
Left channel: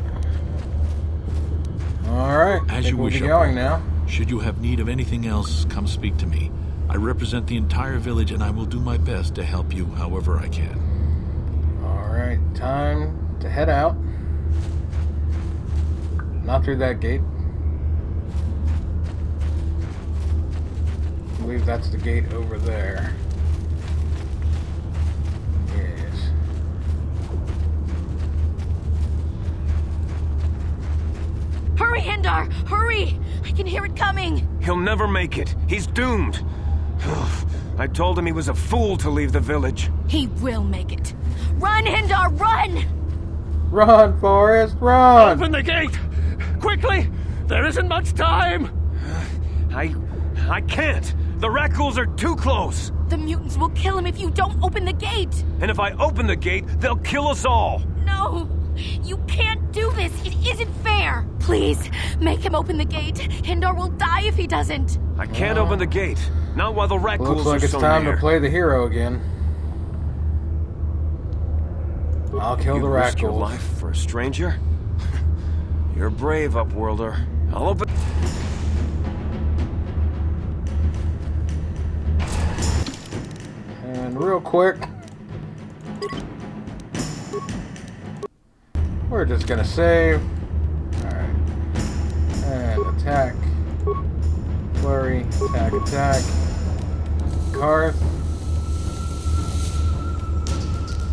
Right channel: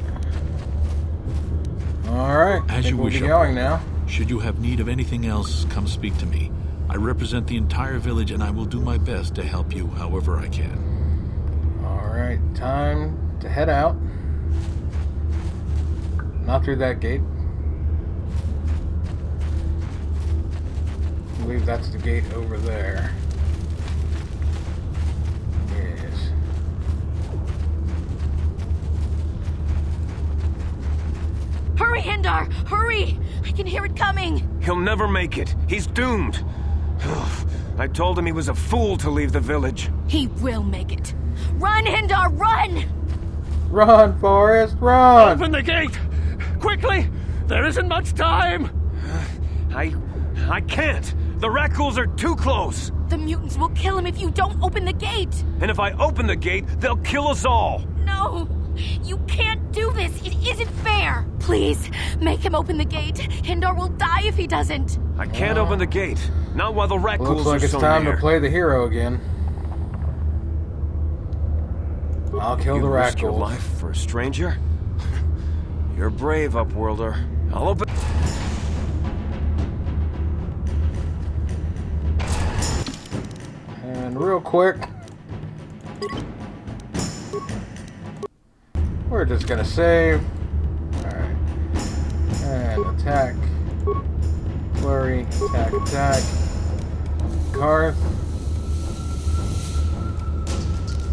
Alright, As you we'll wish, be going Upworlder. now. Should you have need of anything else, come speak to me. I represent the entire village, and I will do my best to help you however I can. Alright, time to head out. Not through that gate. I believe that's the gate over there. Yes. Hurry, Hindar! Hurry! I can hear it coming! He'll never make it. He's doomed. I told him he was a fool to leave the village. He will make it. Run, Hindar, run! Run, Forrest, run! Open the gate! Quickly! There isn't much time! I can't. The Rakghouls are too close. The mutants will kill him if you don't open the gate! And if I open the gate, they'll kill us all. No! You can't do this! It isn't fair! Please, make him open the gate. Hindar will die if he doesn't. I can't open the gate. Not while the Rakghouls Looks like are it's so time near. to play the hero again. I'll kill the You risk your Rakghouls. life for a stranger? You're brave, Upworlder. I'll open... And real quick, we're just gonna save. Alright. And attack. Flurry. Attack, attack. Karth.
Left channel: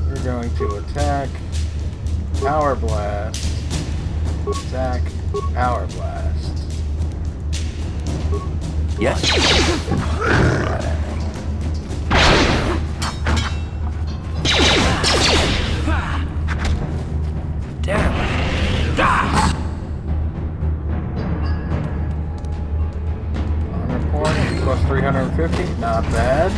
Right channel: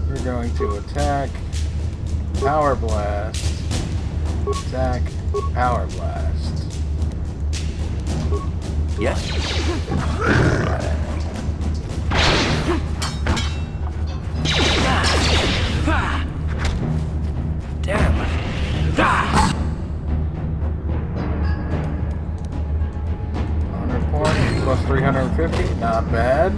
You're going to attack. Power Blast. Attack. Power Blast. Yes? costs 350. Not bad.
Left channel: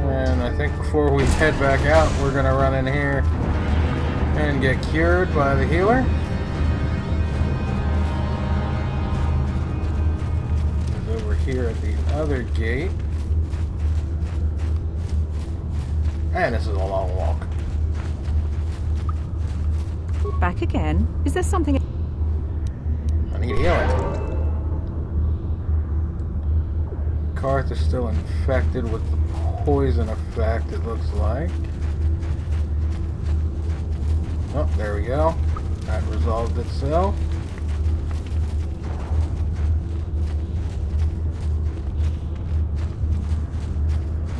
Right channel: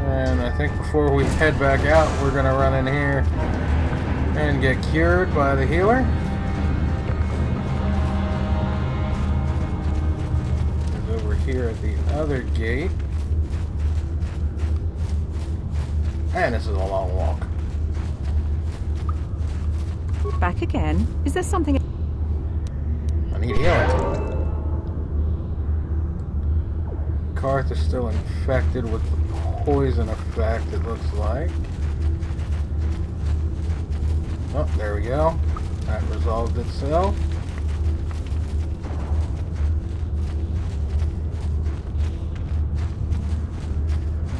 And I think before we head back out, we're going to run in here and get cured by the healer. There's over here at the other gate. And this is a long walk. Back again? Is there something... I need healing. Karth is still infected with the poison effect, it looks like. Oh, there we go. That resolved itself.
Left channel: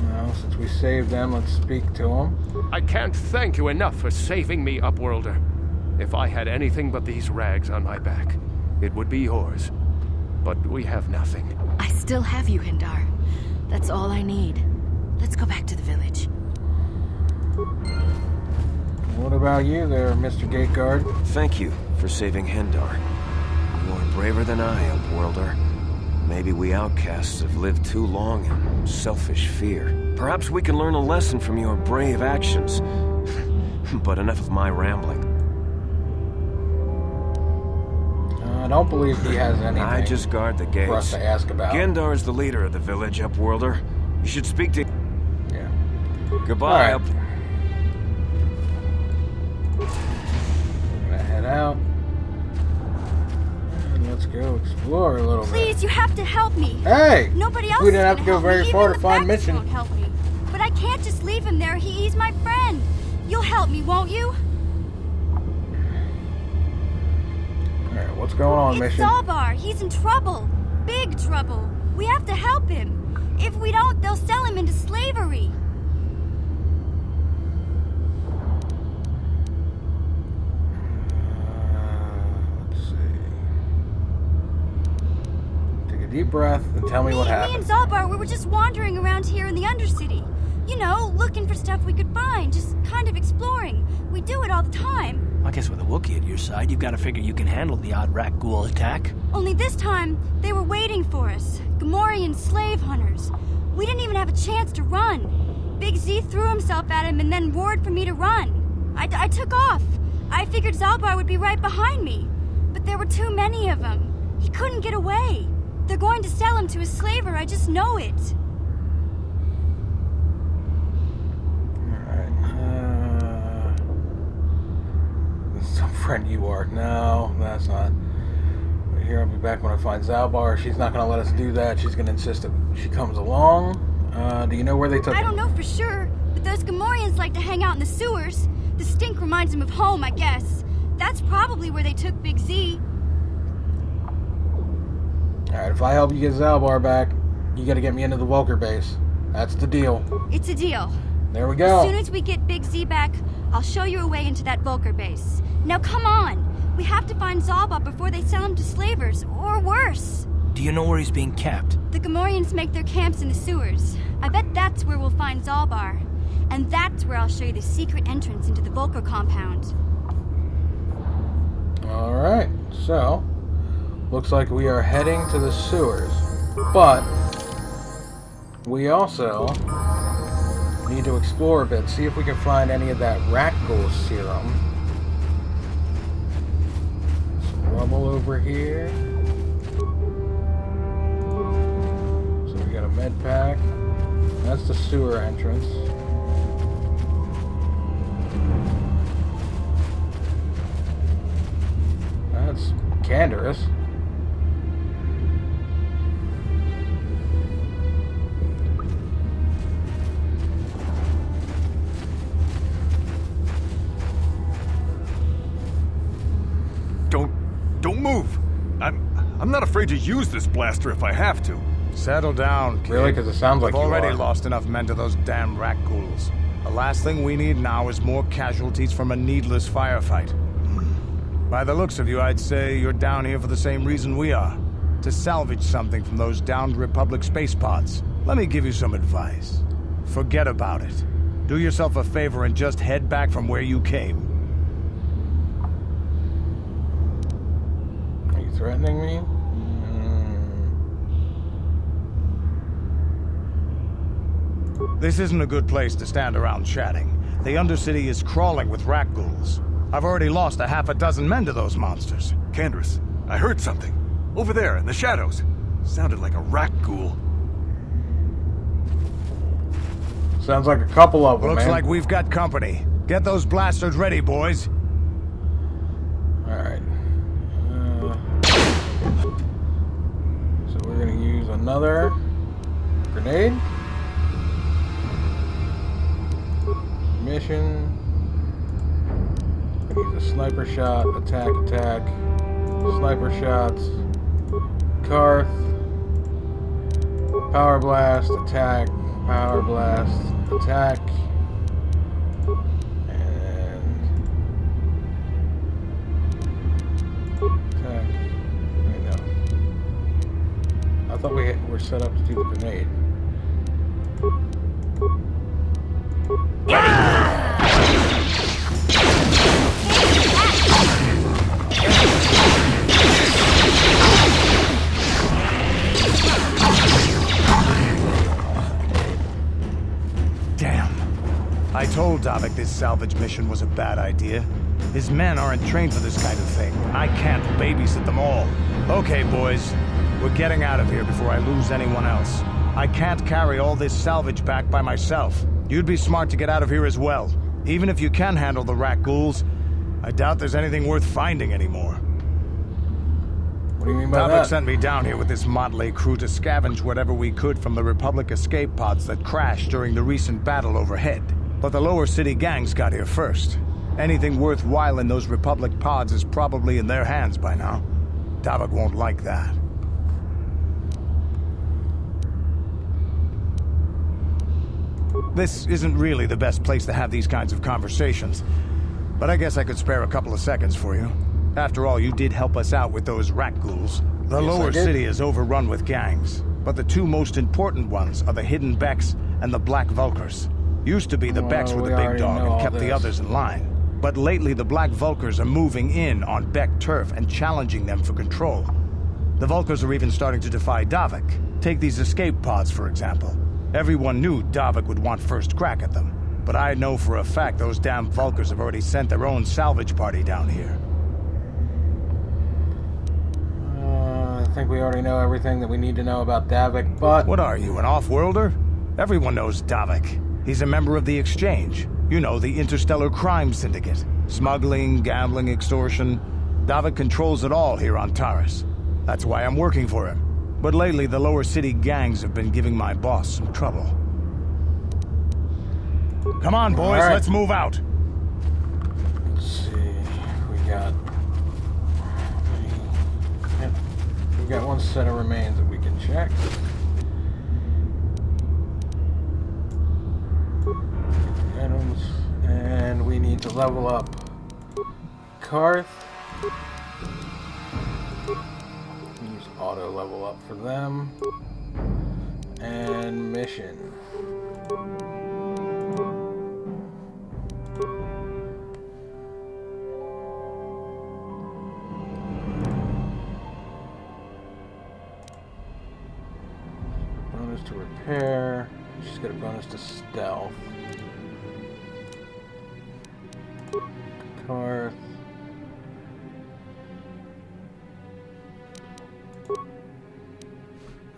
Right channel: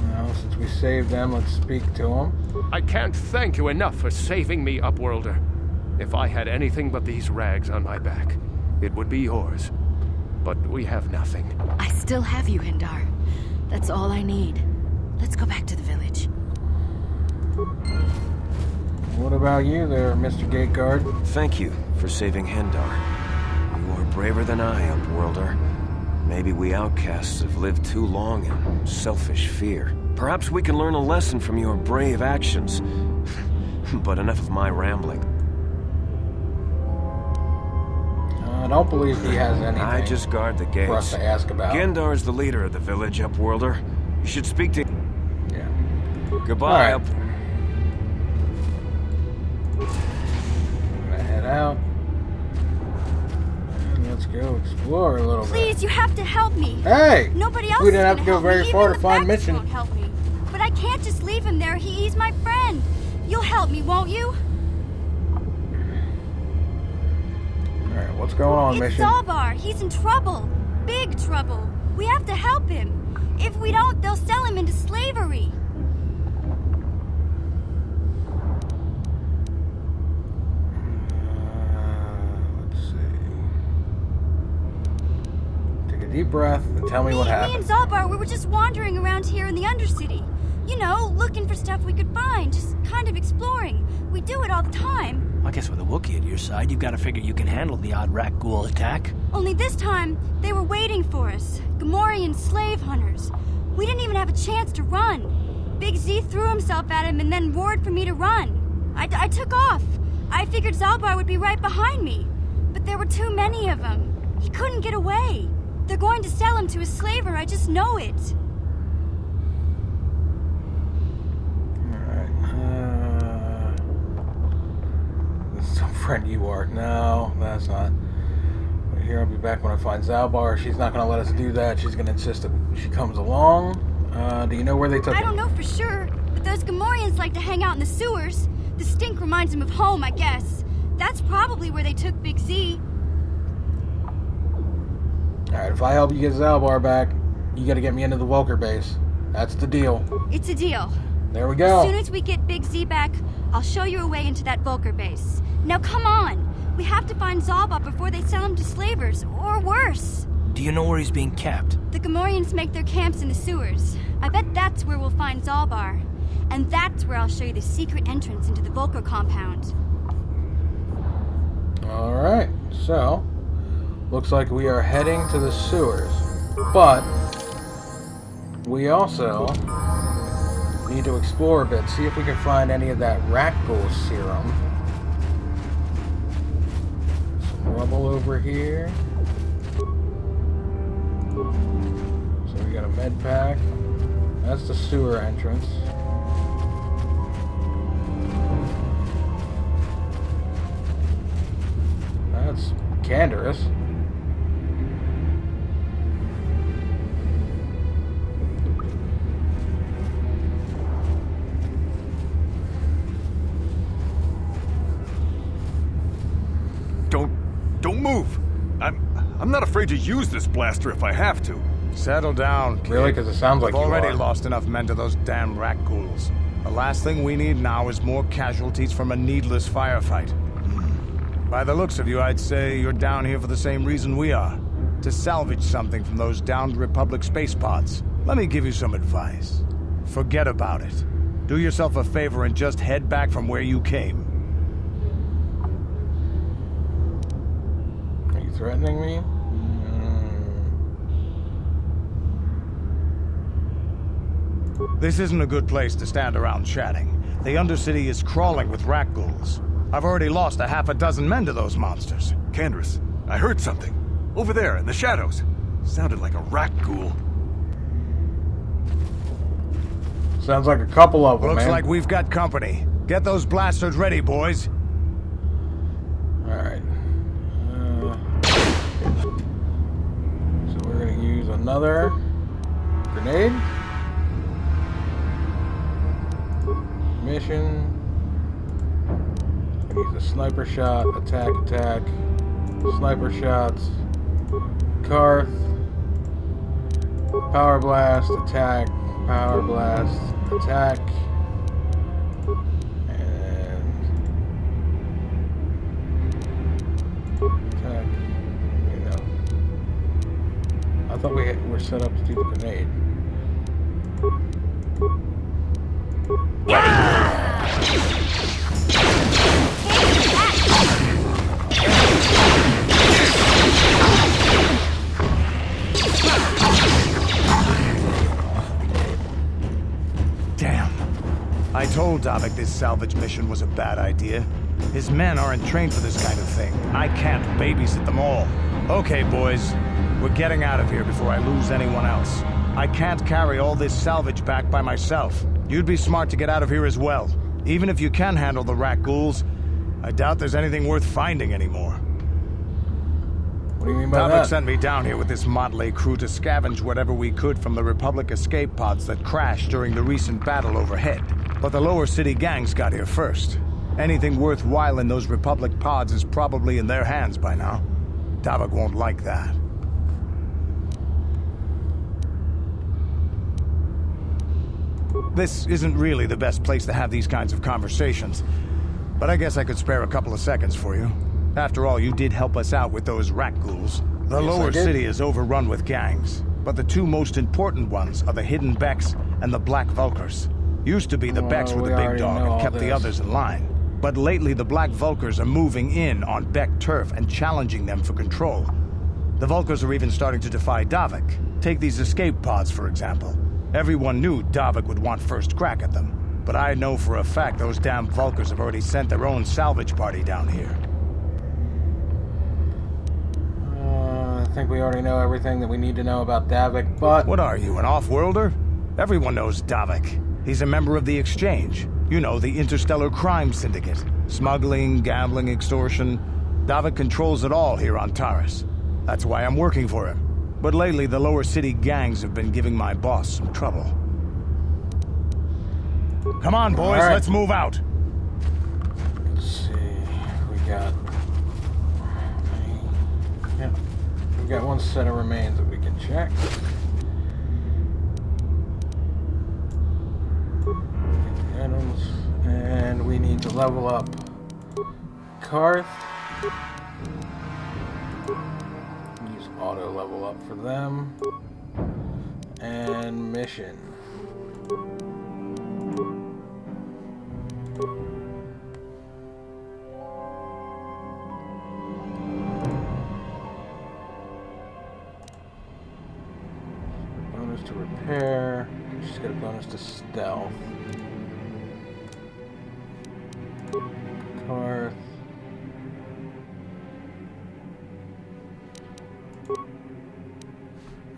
Now, since we saved them, let's speak to them. I can't thank you enough for saving me, Upworlder. If I had anything but these rags on my back, it would be yours. But we have nothing. I still have you, Hindar. That's all I need. Let's go back to the village. What about you there, Mr. Gate Guard? Thank you for saving Hendar. You are braver than I, Upworlder. Maybe we outcasts have lived too long in selfish fear. Perhaps we can learn a lesson from your brave actions. But enough of my rambling. I don't believe he has anything I just guard the gates. for us to ask about. Gendar is the leader of the village, Upworlder. You should speak to... Yeah. Goodbye, All right. I'm gonna head out. And let's go explore a little Please, you have to help me. Hey! Nobody else We didn't is have to gonna go help very me. far Even to the find facts Mission. won't help me. But I can't just leave him there. He's my friend. You'll help me, won't you? Alright, what's going on, It's Mission? Zalbar. He's in trouble. Big trouble. We have to help him. If we don't, they'll sell him into slavery. Let's see. Take a deep breath and tell me what Me and happened. Zalbar, we were just wandering around here in the Undercity. You know, looking for stuff we could find, just kind of exploring. We do it all the time. I guess with a Wookiee at your side, you've got to figure you can handle the odd Rakghoul attack. Only this time, they were waiting for us. Gamorrean slave hunters. We didn't even have a chance to run. Big Z threw himself at him and then roared for me to run. I took off. I figured Zalbar would be right behind me. But there were too many of them. He couldn't get away. They're going to sell him to a slaver, I just know it. Alright, this is some friend you are. No, that's not. But here, I'll be back when I find Zalbar. She's not going to let us do that. She's going to insist that she comes along. Do you know where they took I him? don't know for sure, but those Gamorreans like to hang out in the sewers. The stink reminds them of home, I guess. That's probably where they took Big Z. Alright, if I help you get Zalbar back, you got to get me into the Vulkar base. That's the deal. It's a deal. There we go. As soon as we get Big Z back, I'll show you a way into that Vulkar base. Now come on! We have to find Zalbar before they sell him to slavers, or worse. Do you know where he's being kept? The Gamorreans make their camps in the sewers. I bet that's where we'll find Zalbar. And that's where I'll show you the secret entrance into the Vulkar compound. Alright, so looks like we are heading to the sewers. But we also need to explore a bit, see if we can find any of that Rakghoul serum. Some rubble over here. So we got a med pack. That's the sewer entrance. That's Canderous. Don't move. I'm not afraid to use this blaster if I have to. Settle down, kid. Really? Because it sounds like We've you already are. lost enough men to those damn Rakghouls. The last thing we need now is more casualties from a needless firefight. By the looks of you, I'd say you're down here for the same reason we are. To salvage something from those downed Republic space pods. Let me give you some advice. Forget about it. Do yourself a favor and just head back from where you came. Are you threatening me? This isn't a good place to stand around chatting. The Undercity is crawling with Rakghouls. I've already lost a half a dozen men to those monsters. Candace, I heard something. Over there, in the shadows. Sounded like a Rakghoul. Sounds like a couple of them, Looks man. like we've got company. Get those blasters ready, boys. Alright. So we're gonna use another grenade. Mission. Gonna use a sniper shot, attack, sniper shots, Karth, power blast, attack, power blast, attack, and attack. Wait, no. I thought we were set up to do the grenade. Damn. I told Davik this salvage mission was a bad idea. His men aren't trained for this kind of thing. I can't babysit them all. Okay, boys. We're getting out of here before I lose anyone else. I can't carry all this salvage back by myself. You'd be smart to get out of here as well. Even if you can handle the Rakghouls, I doubt there's anything worth finding anymore. What do you mean by Davik that? sent me down here with this motley crew to scavenge whatever we could from the Republic escape pods that crashed during the recent battle overhead. But the lower city gangs got here first. Anything worthwhile in those Republic pods is probably in their hands by now. Davik won't like that. This isn't really the best place to have these kinds of conversations, but I guess I could spare a couple of seconds for you. After all, you did help us out with those Rakghouls. The lower city is overrun with gangs, but the two most important ones are the hidden Becks and the Black Vulkars. Used to be the Becks were the big dog and kept the others in line. But lately the Black Vulkars are moving in on Beck turf and challenging them for control. The Vulkars are even starting to defy Davik. Take these escape pods, for example. Everyone knew Davik would want first crack at them, but I know for a fact those damn Vulkars have already sent their own salvage party down here. I think we already know everything that we need to know about Davik, but... What are you, an off-worlder? Everyone knows Davik. He's a member of the Exchange. You know, the interstellar crime syndicate. Smuggling, gambling, extortion. Davik controls it all here on Taris. That's why I'm working for him. But lately, the lower city gangs have been giving my boss some trouble. Come on, boys, let's move out! Let's see, we got... Yep. We've got one set of remains that we can check. Get the items. And we need to level up Karth. Use auto level up for them. And Mission. Bonus to repair. She's got a bonus to stealth. Karth.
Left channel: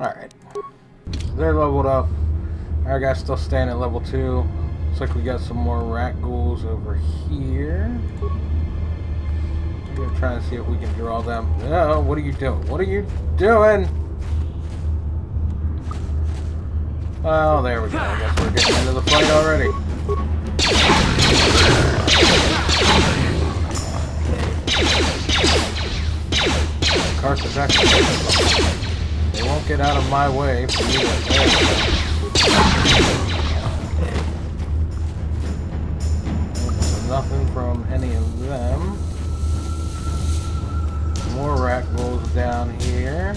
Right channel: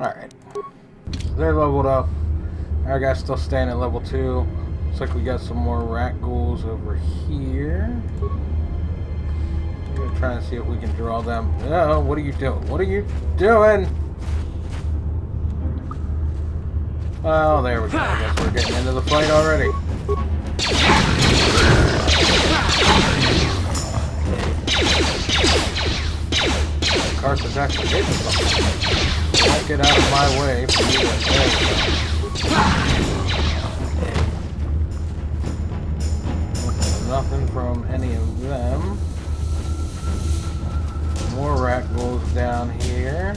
Alright. So they're leveled up. Our guy's still staying at level 2. Looks like we got some more Rakghouls over here. We're gonna try and see if we can draw them. No, what are you doing? What are you doing? Oh, there we go. I guess we're getting into the fight already. Karth is actually hitting something. They won't get out of my way for you to... There we go. So nothing from any of them. More Rakghouls down here.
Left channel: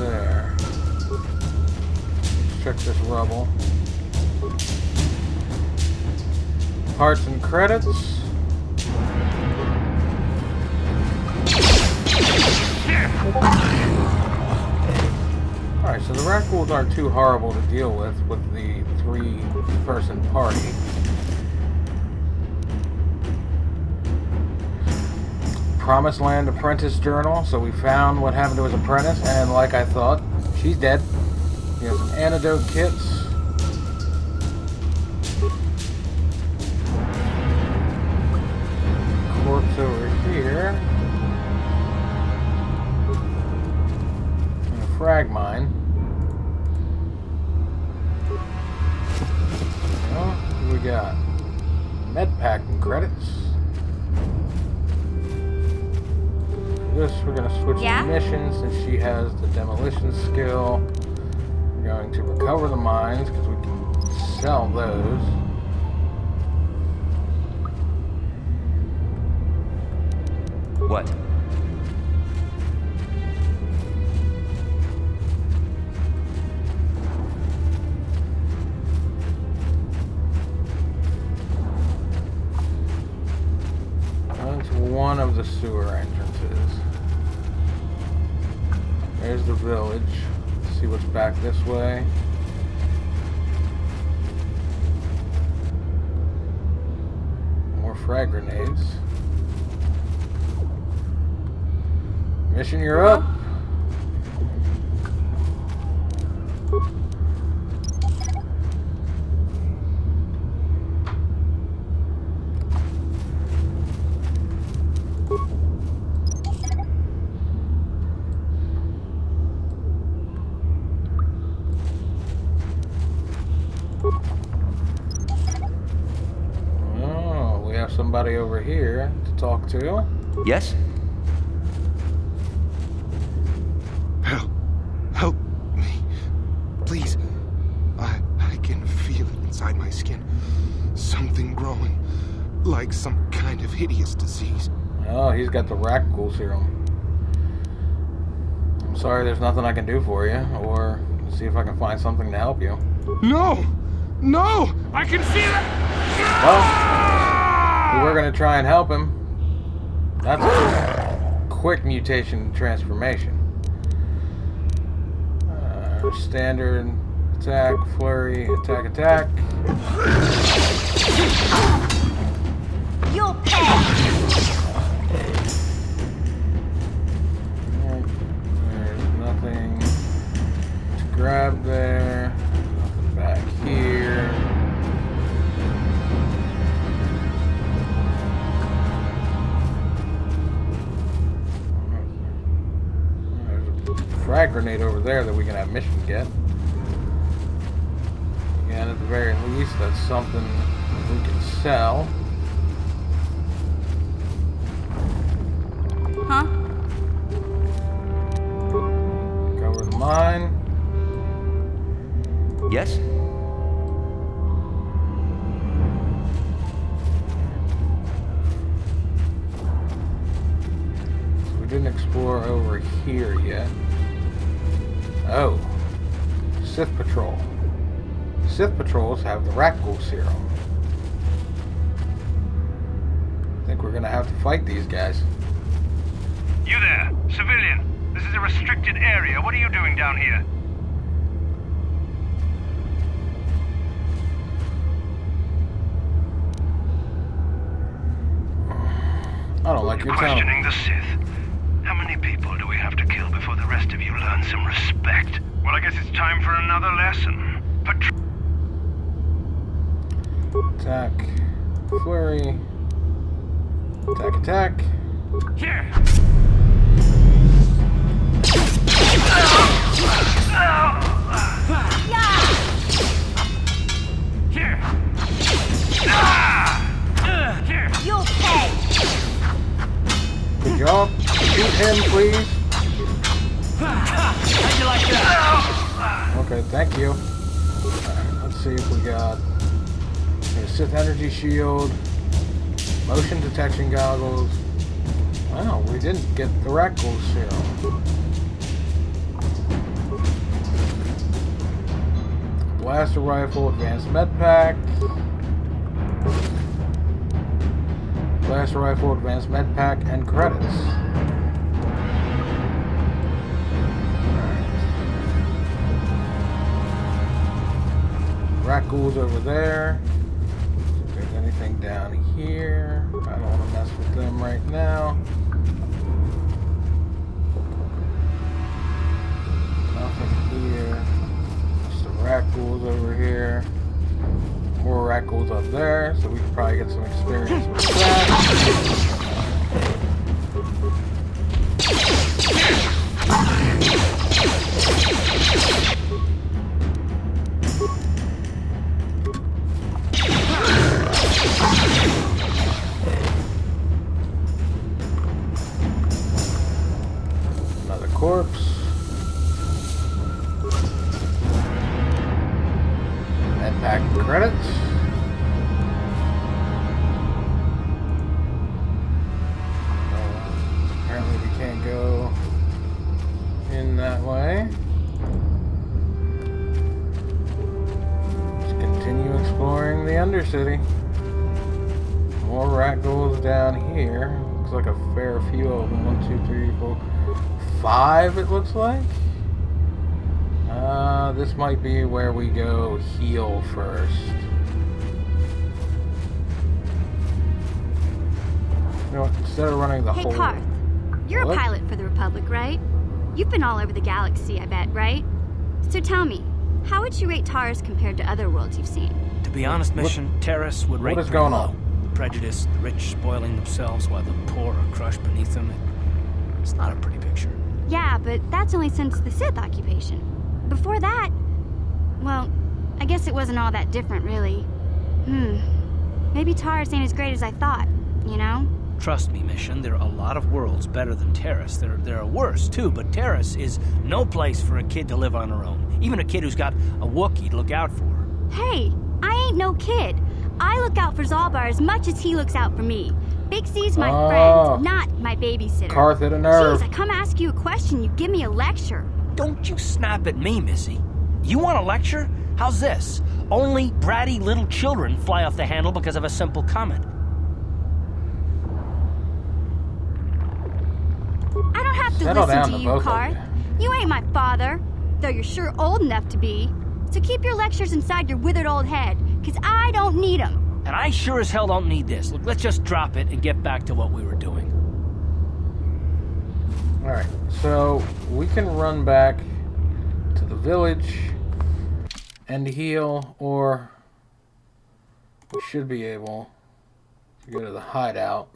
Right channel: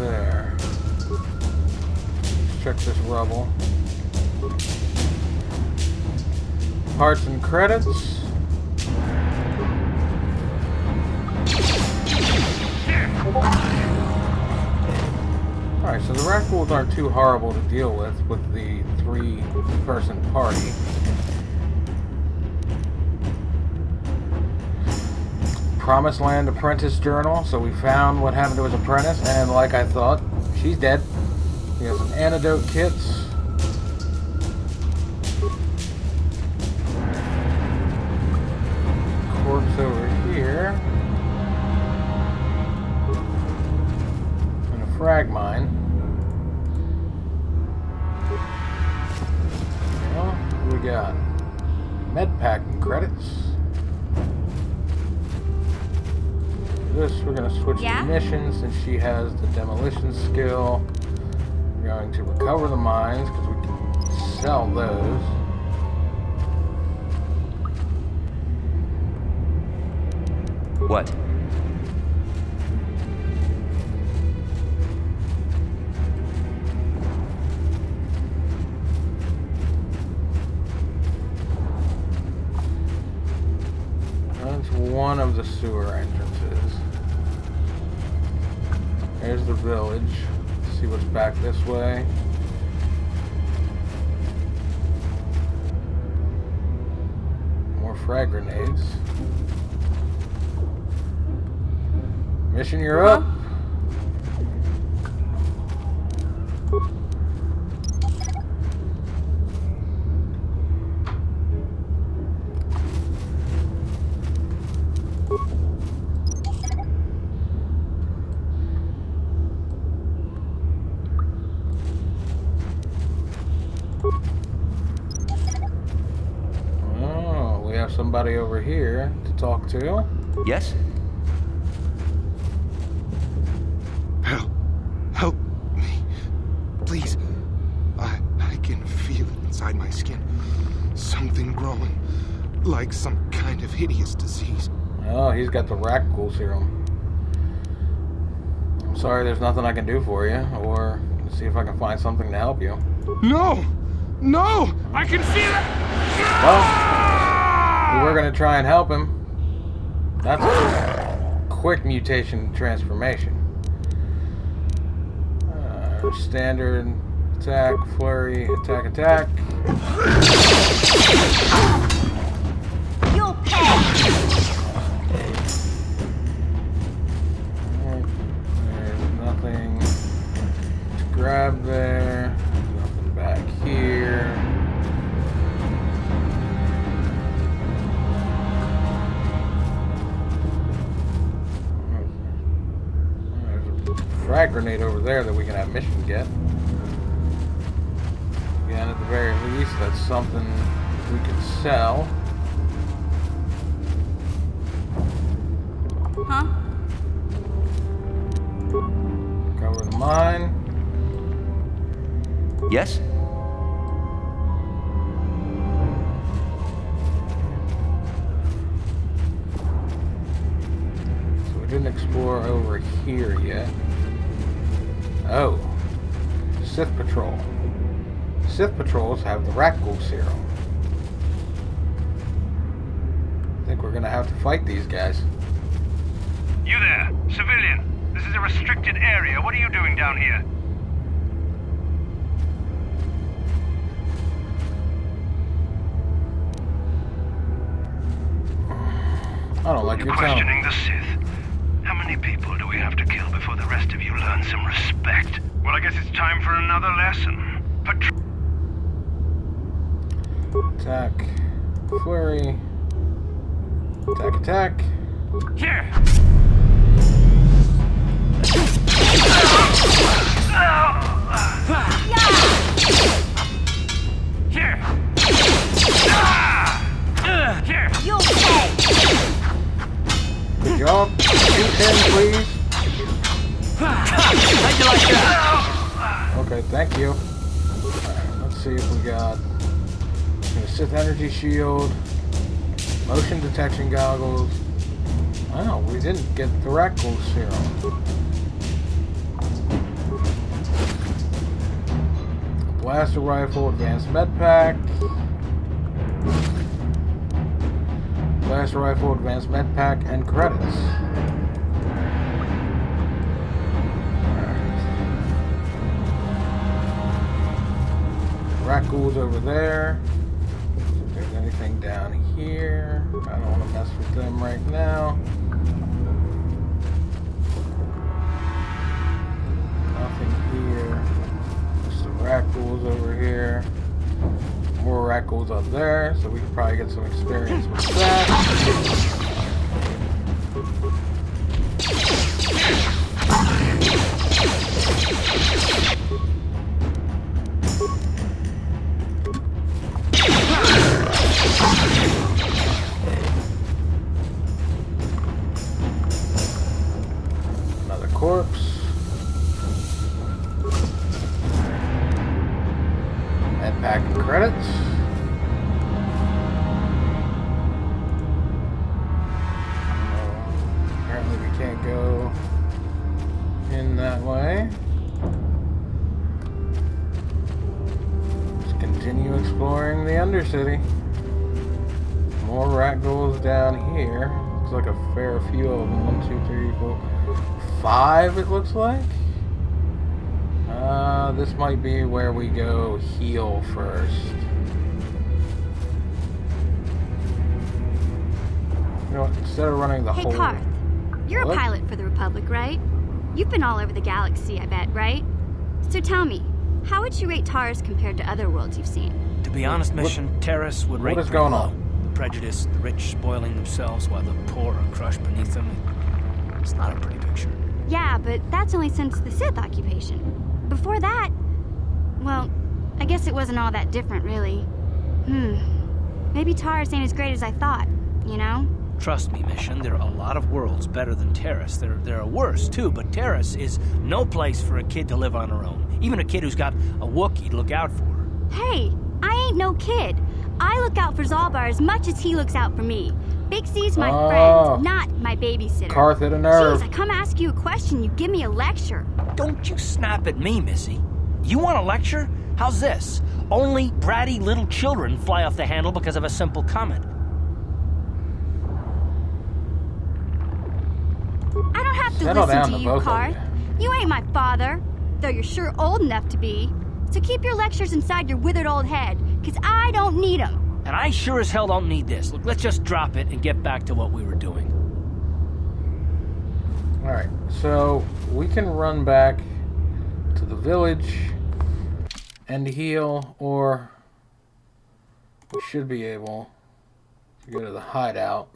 there. Let's check this rubble. Parts and credits. Alright, so the Rakghouls aren't too horrible to deal with the 3-person party. Promised Land Apprentice Journal. So we found what happened to his apprentice, and like I thought, she's dead. He has some antidote kits. Corpse over here. And a frag mine. Well, what do we got? Med packing credits. For this, we're going to switch to mission since she has the demolition skill. We're going to recover the mines because we can sell those. What? That's one of the sewer entrances. There's the village. Let's see what's back this way. More frag grenades. Mission, you're up. Oh, we have somebody over here to talk to. Yes? Help me. Please. I can feel it inside my skin. Something growing. Like some kind of hideous disease. Oh, he's got the Rakghoul serum. I'm sorry, there's nothing I can do for you, or see if I can find something to help you. No! No! I can feel it! Well, we were going to try and help him. That's a quick mutation transformation. Standard attack, flurry, attack, attack. You'll pay! Alright, there's nothing to grab there. There's nothing back here. There's a frag grenade over there that we can have mission get. Again, at the very least, that's something we can sell. Huh? Cover the mine. Yes? So we didn't explore over here yet. Oh. Sith Patrol. Sith Patrols have the Rakghoul serum. I think we're gonna have to fight these guys. You there, civilian. This is a restricted area. What are you doing down here? I don't like your tone. Questioning the Sith. How many people do we have to kill before the rest of you learn some respect? Well, I guess it's time for another lesson. Attack. Flurry. Attack, attack. Here! Here! Here! You'll pay! Good job. Shoot him, please. How'd you like that? Okay, thank you. Alright, let's see if we got a Sith energy shield, motion detection goggles. Wow, we didn't get the Rakghoul serum. blaster rifle, advanced med pack. Blaster rifle, advanced med pack, and credits. Rakghouls over there. If there's anything down here, I don't want to mess with them right now. Nothing here. Just the Rakghouls over here. More Rakghouls up there, so we can probably get some experience with that. Another corpse. Med pack and credits. Apparently we can't go in that way. Let's continue exploring the Undercity. More Rakghouls down here. Looks like a fair few of them. 1, 2, 3, 4, 5 it looks like. This might be where we go heal first. You know what, instead of running the whole... Hey, Karth. You're What? a pilot for the Republic, right? You've been all over the galaxy, I bet, right? So tell me, how would you rate Taris compared to other worlds you've seen? To be honest, Mission, Taris would rate what is pretty going low. on? The prejudice, the rich spoiling themselves while the poor are crushed beneath them. It's not a pretty picture. Yeah, but that's only since the Sith occupation. Before that, well, I guess it wasn't all that different, really. Maybe Taris ain't as great as I thought, you know? Trust me, Mission, there are a lot of worlds better than Taris. There are worse, too, but Taris is no place for a kid to live on her own. Even a kid who's got a Wookiee to look out for her. Hey, I ain't no kid. I look out for Zalbar as much as he looks out for me. Big C's my friend, not my babysitter. Karth hit a nerve. Jeez, I come ask you a question, you give me a lecture. Don't you snap at me, Missy. You want a lecture? How's this? Only bratty little children fly off the handle because of a simple comment. I don't have to Settle listen down, to the you, both of Karth. You ain't my father, though you're sure old enough to be. So keep your lectures inside your withered old head, because I don't need them. And I sure as hell don't need this. Look, let's just drop it and get back to what we were doing. Alright, so we can run back to the village and heal, or we should be able to go to the hideout.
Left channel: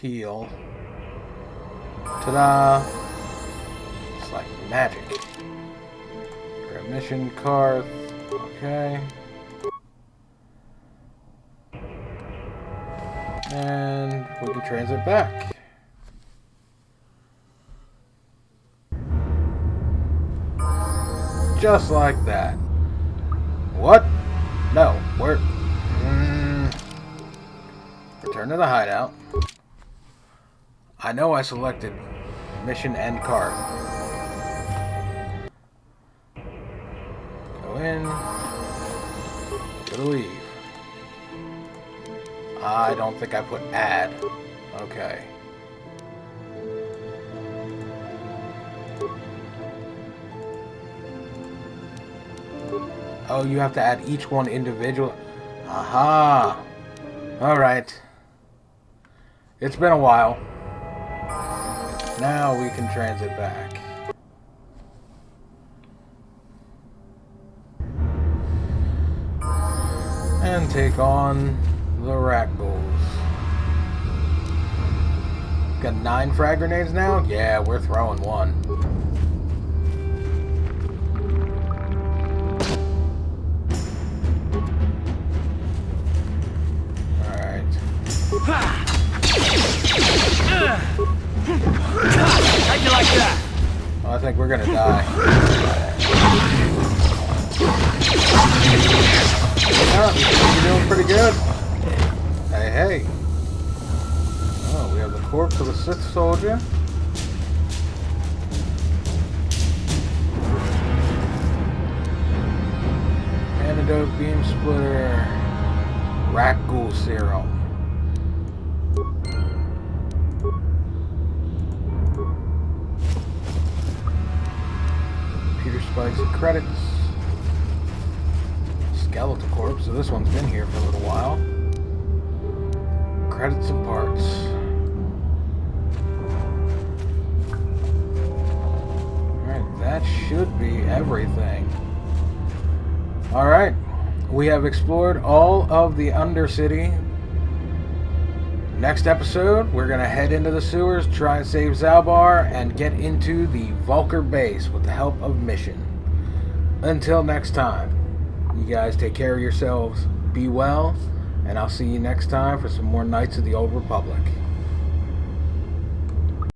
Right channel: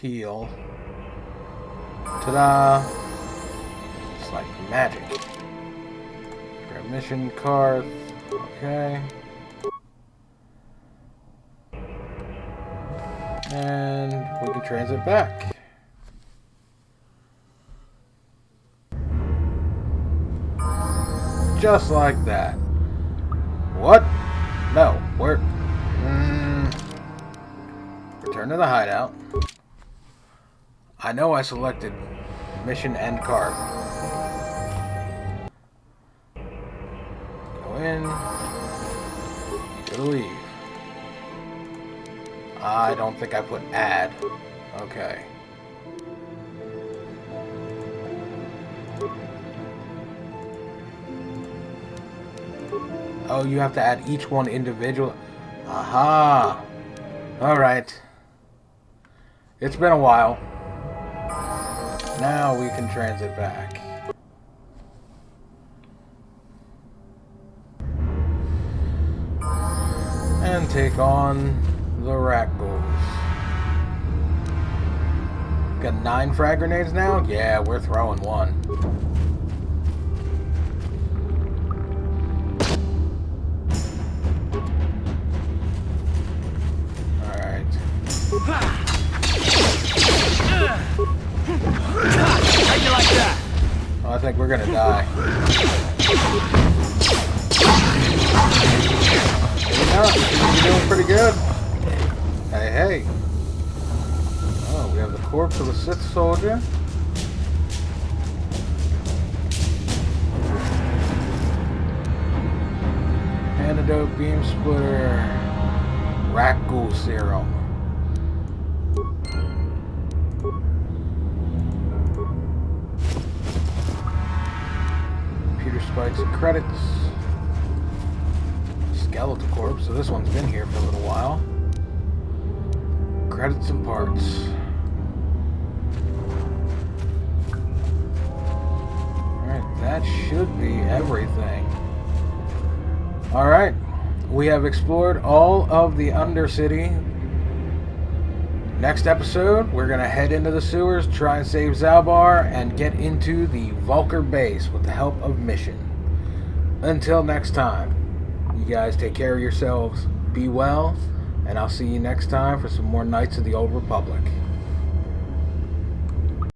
Heal. Ta-da! It's like magic. Grab mission, Karth. Okay. And we can transit back. Just like that. What? No, we're... Return to the hideout. I know I selected mission and Karth. Go in. Go to leave. I don't think I put add. Okay. Oh, you have to add each one individual. Aha! Alright. It's been a while. Now we can transit back. And take on the Rakghouls. Got 9 frag grenades now? Yeah, we're throwing one. Alright. How'd you like that? I think we're gonna die. You're doing pretty good. Hey, hey. Oh, we have the corpse of a Sith soldier. antidote, beam splitter, Rakghoul serum. Computer spikes and credits. Skeletal corpse, so this one's been here for a little while. Credits and parts. Alright, that should be everything. Alright, we have explored all of the Undercity. Next episode, we're going to head into the sewers, try and save Zalbar, and get into the Vulkar base with the help of Mission. Until next time, you guys take care of yourselves, be well, and I'll see you next time for some more Knights of the Old Republic.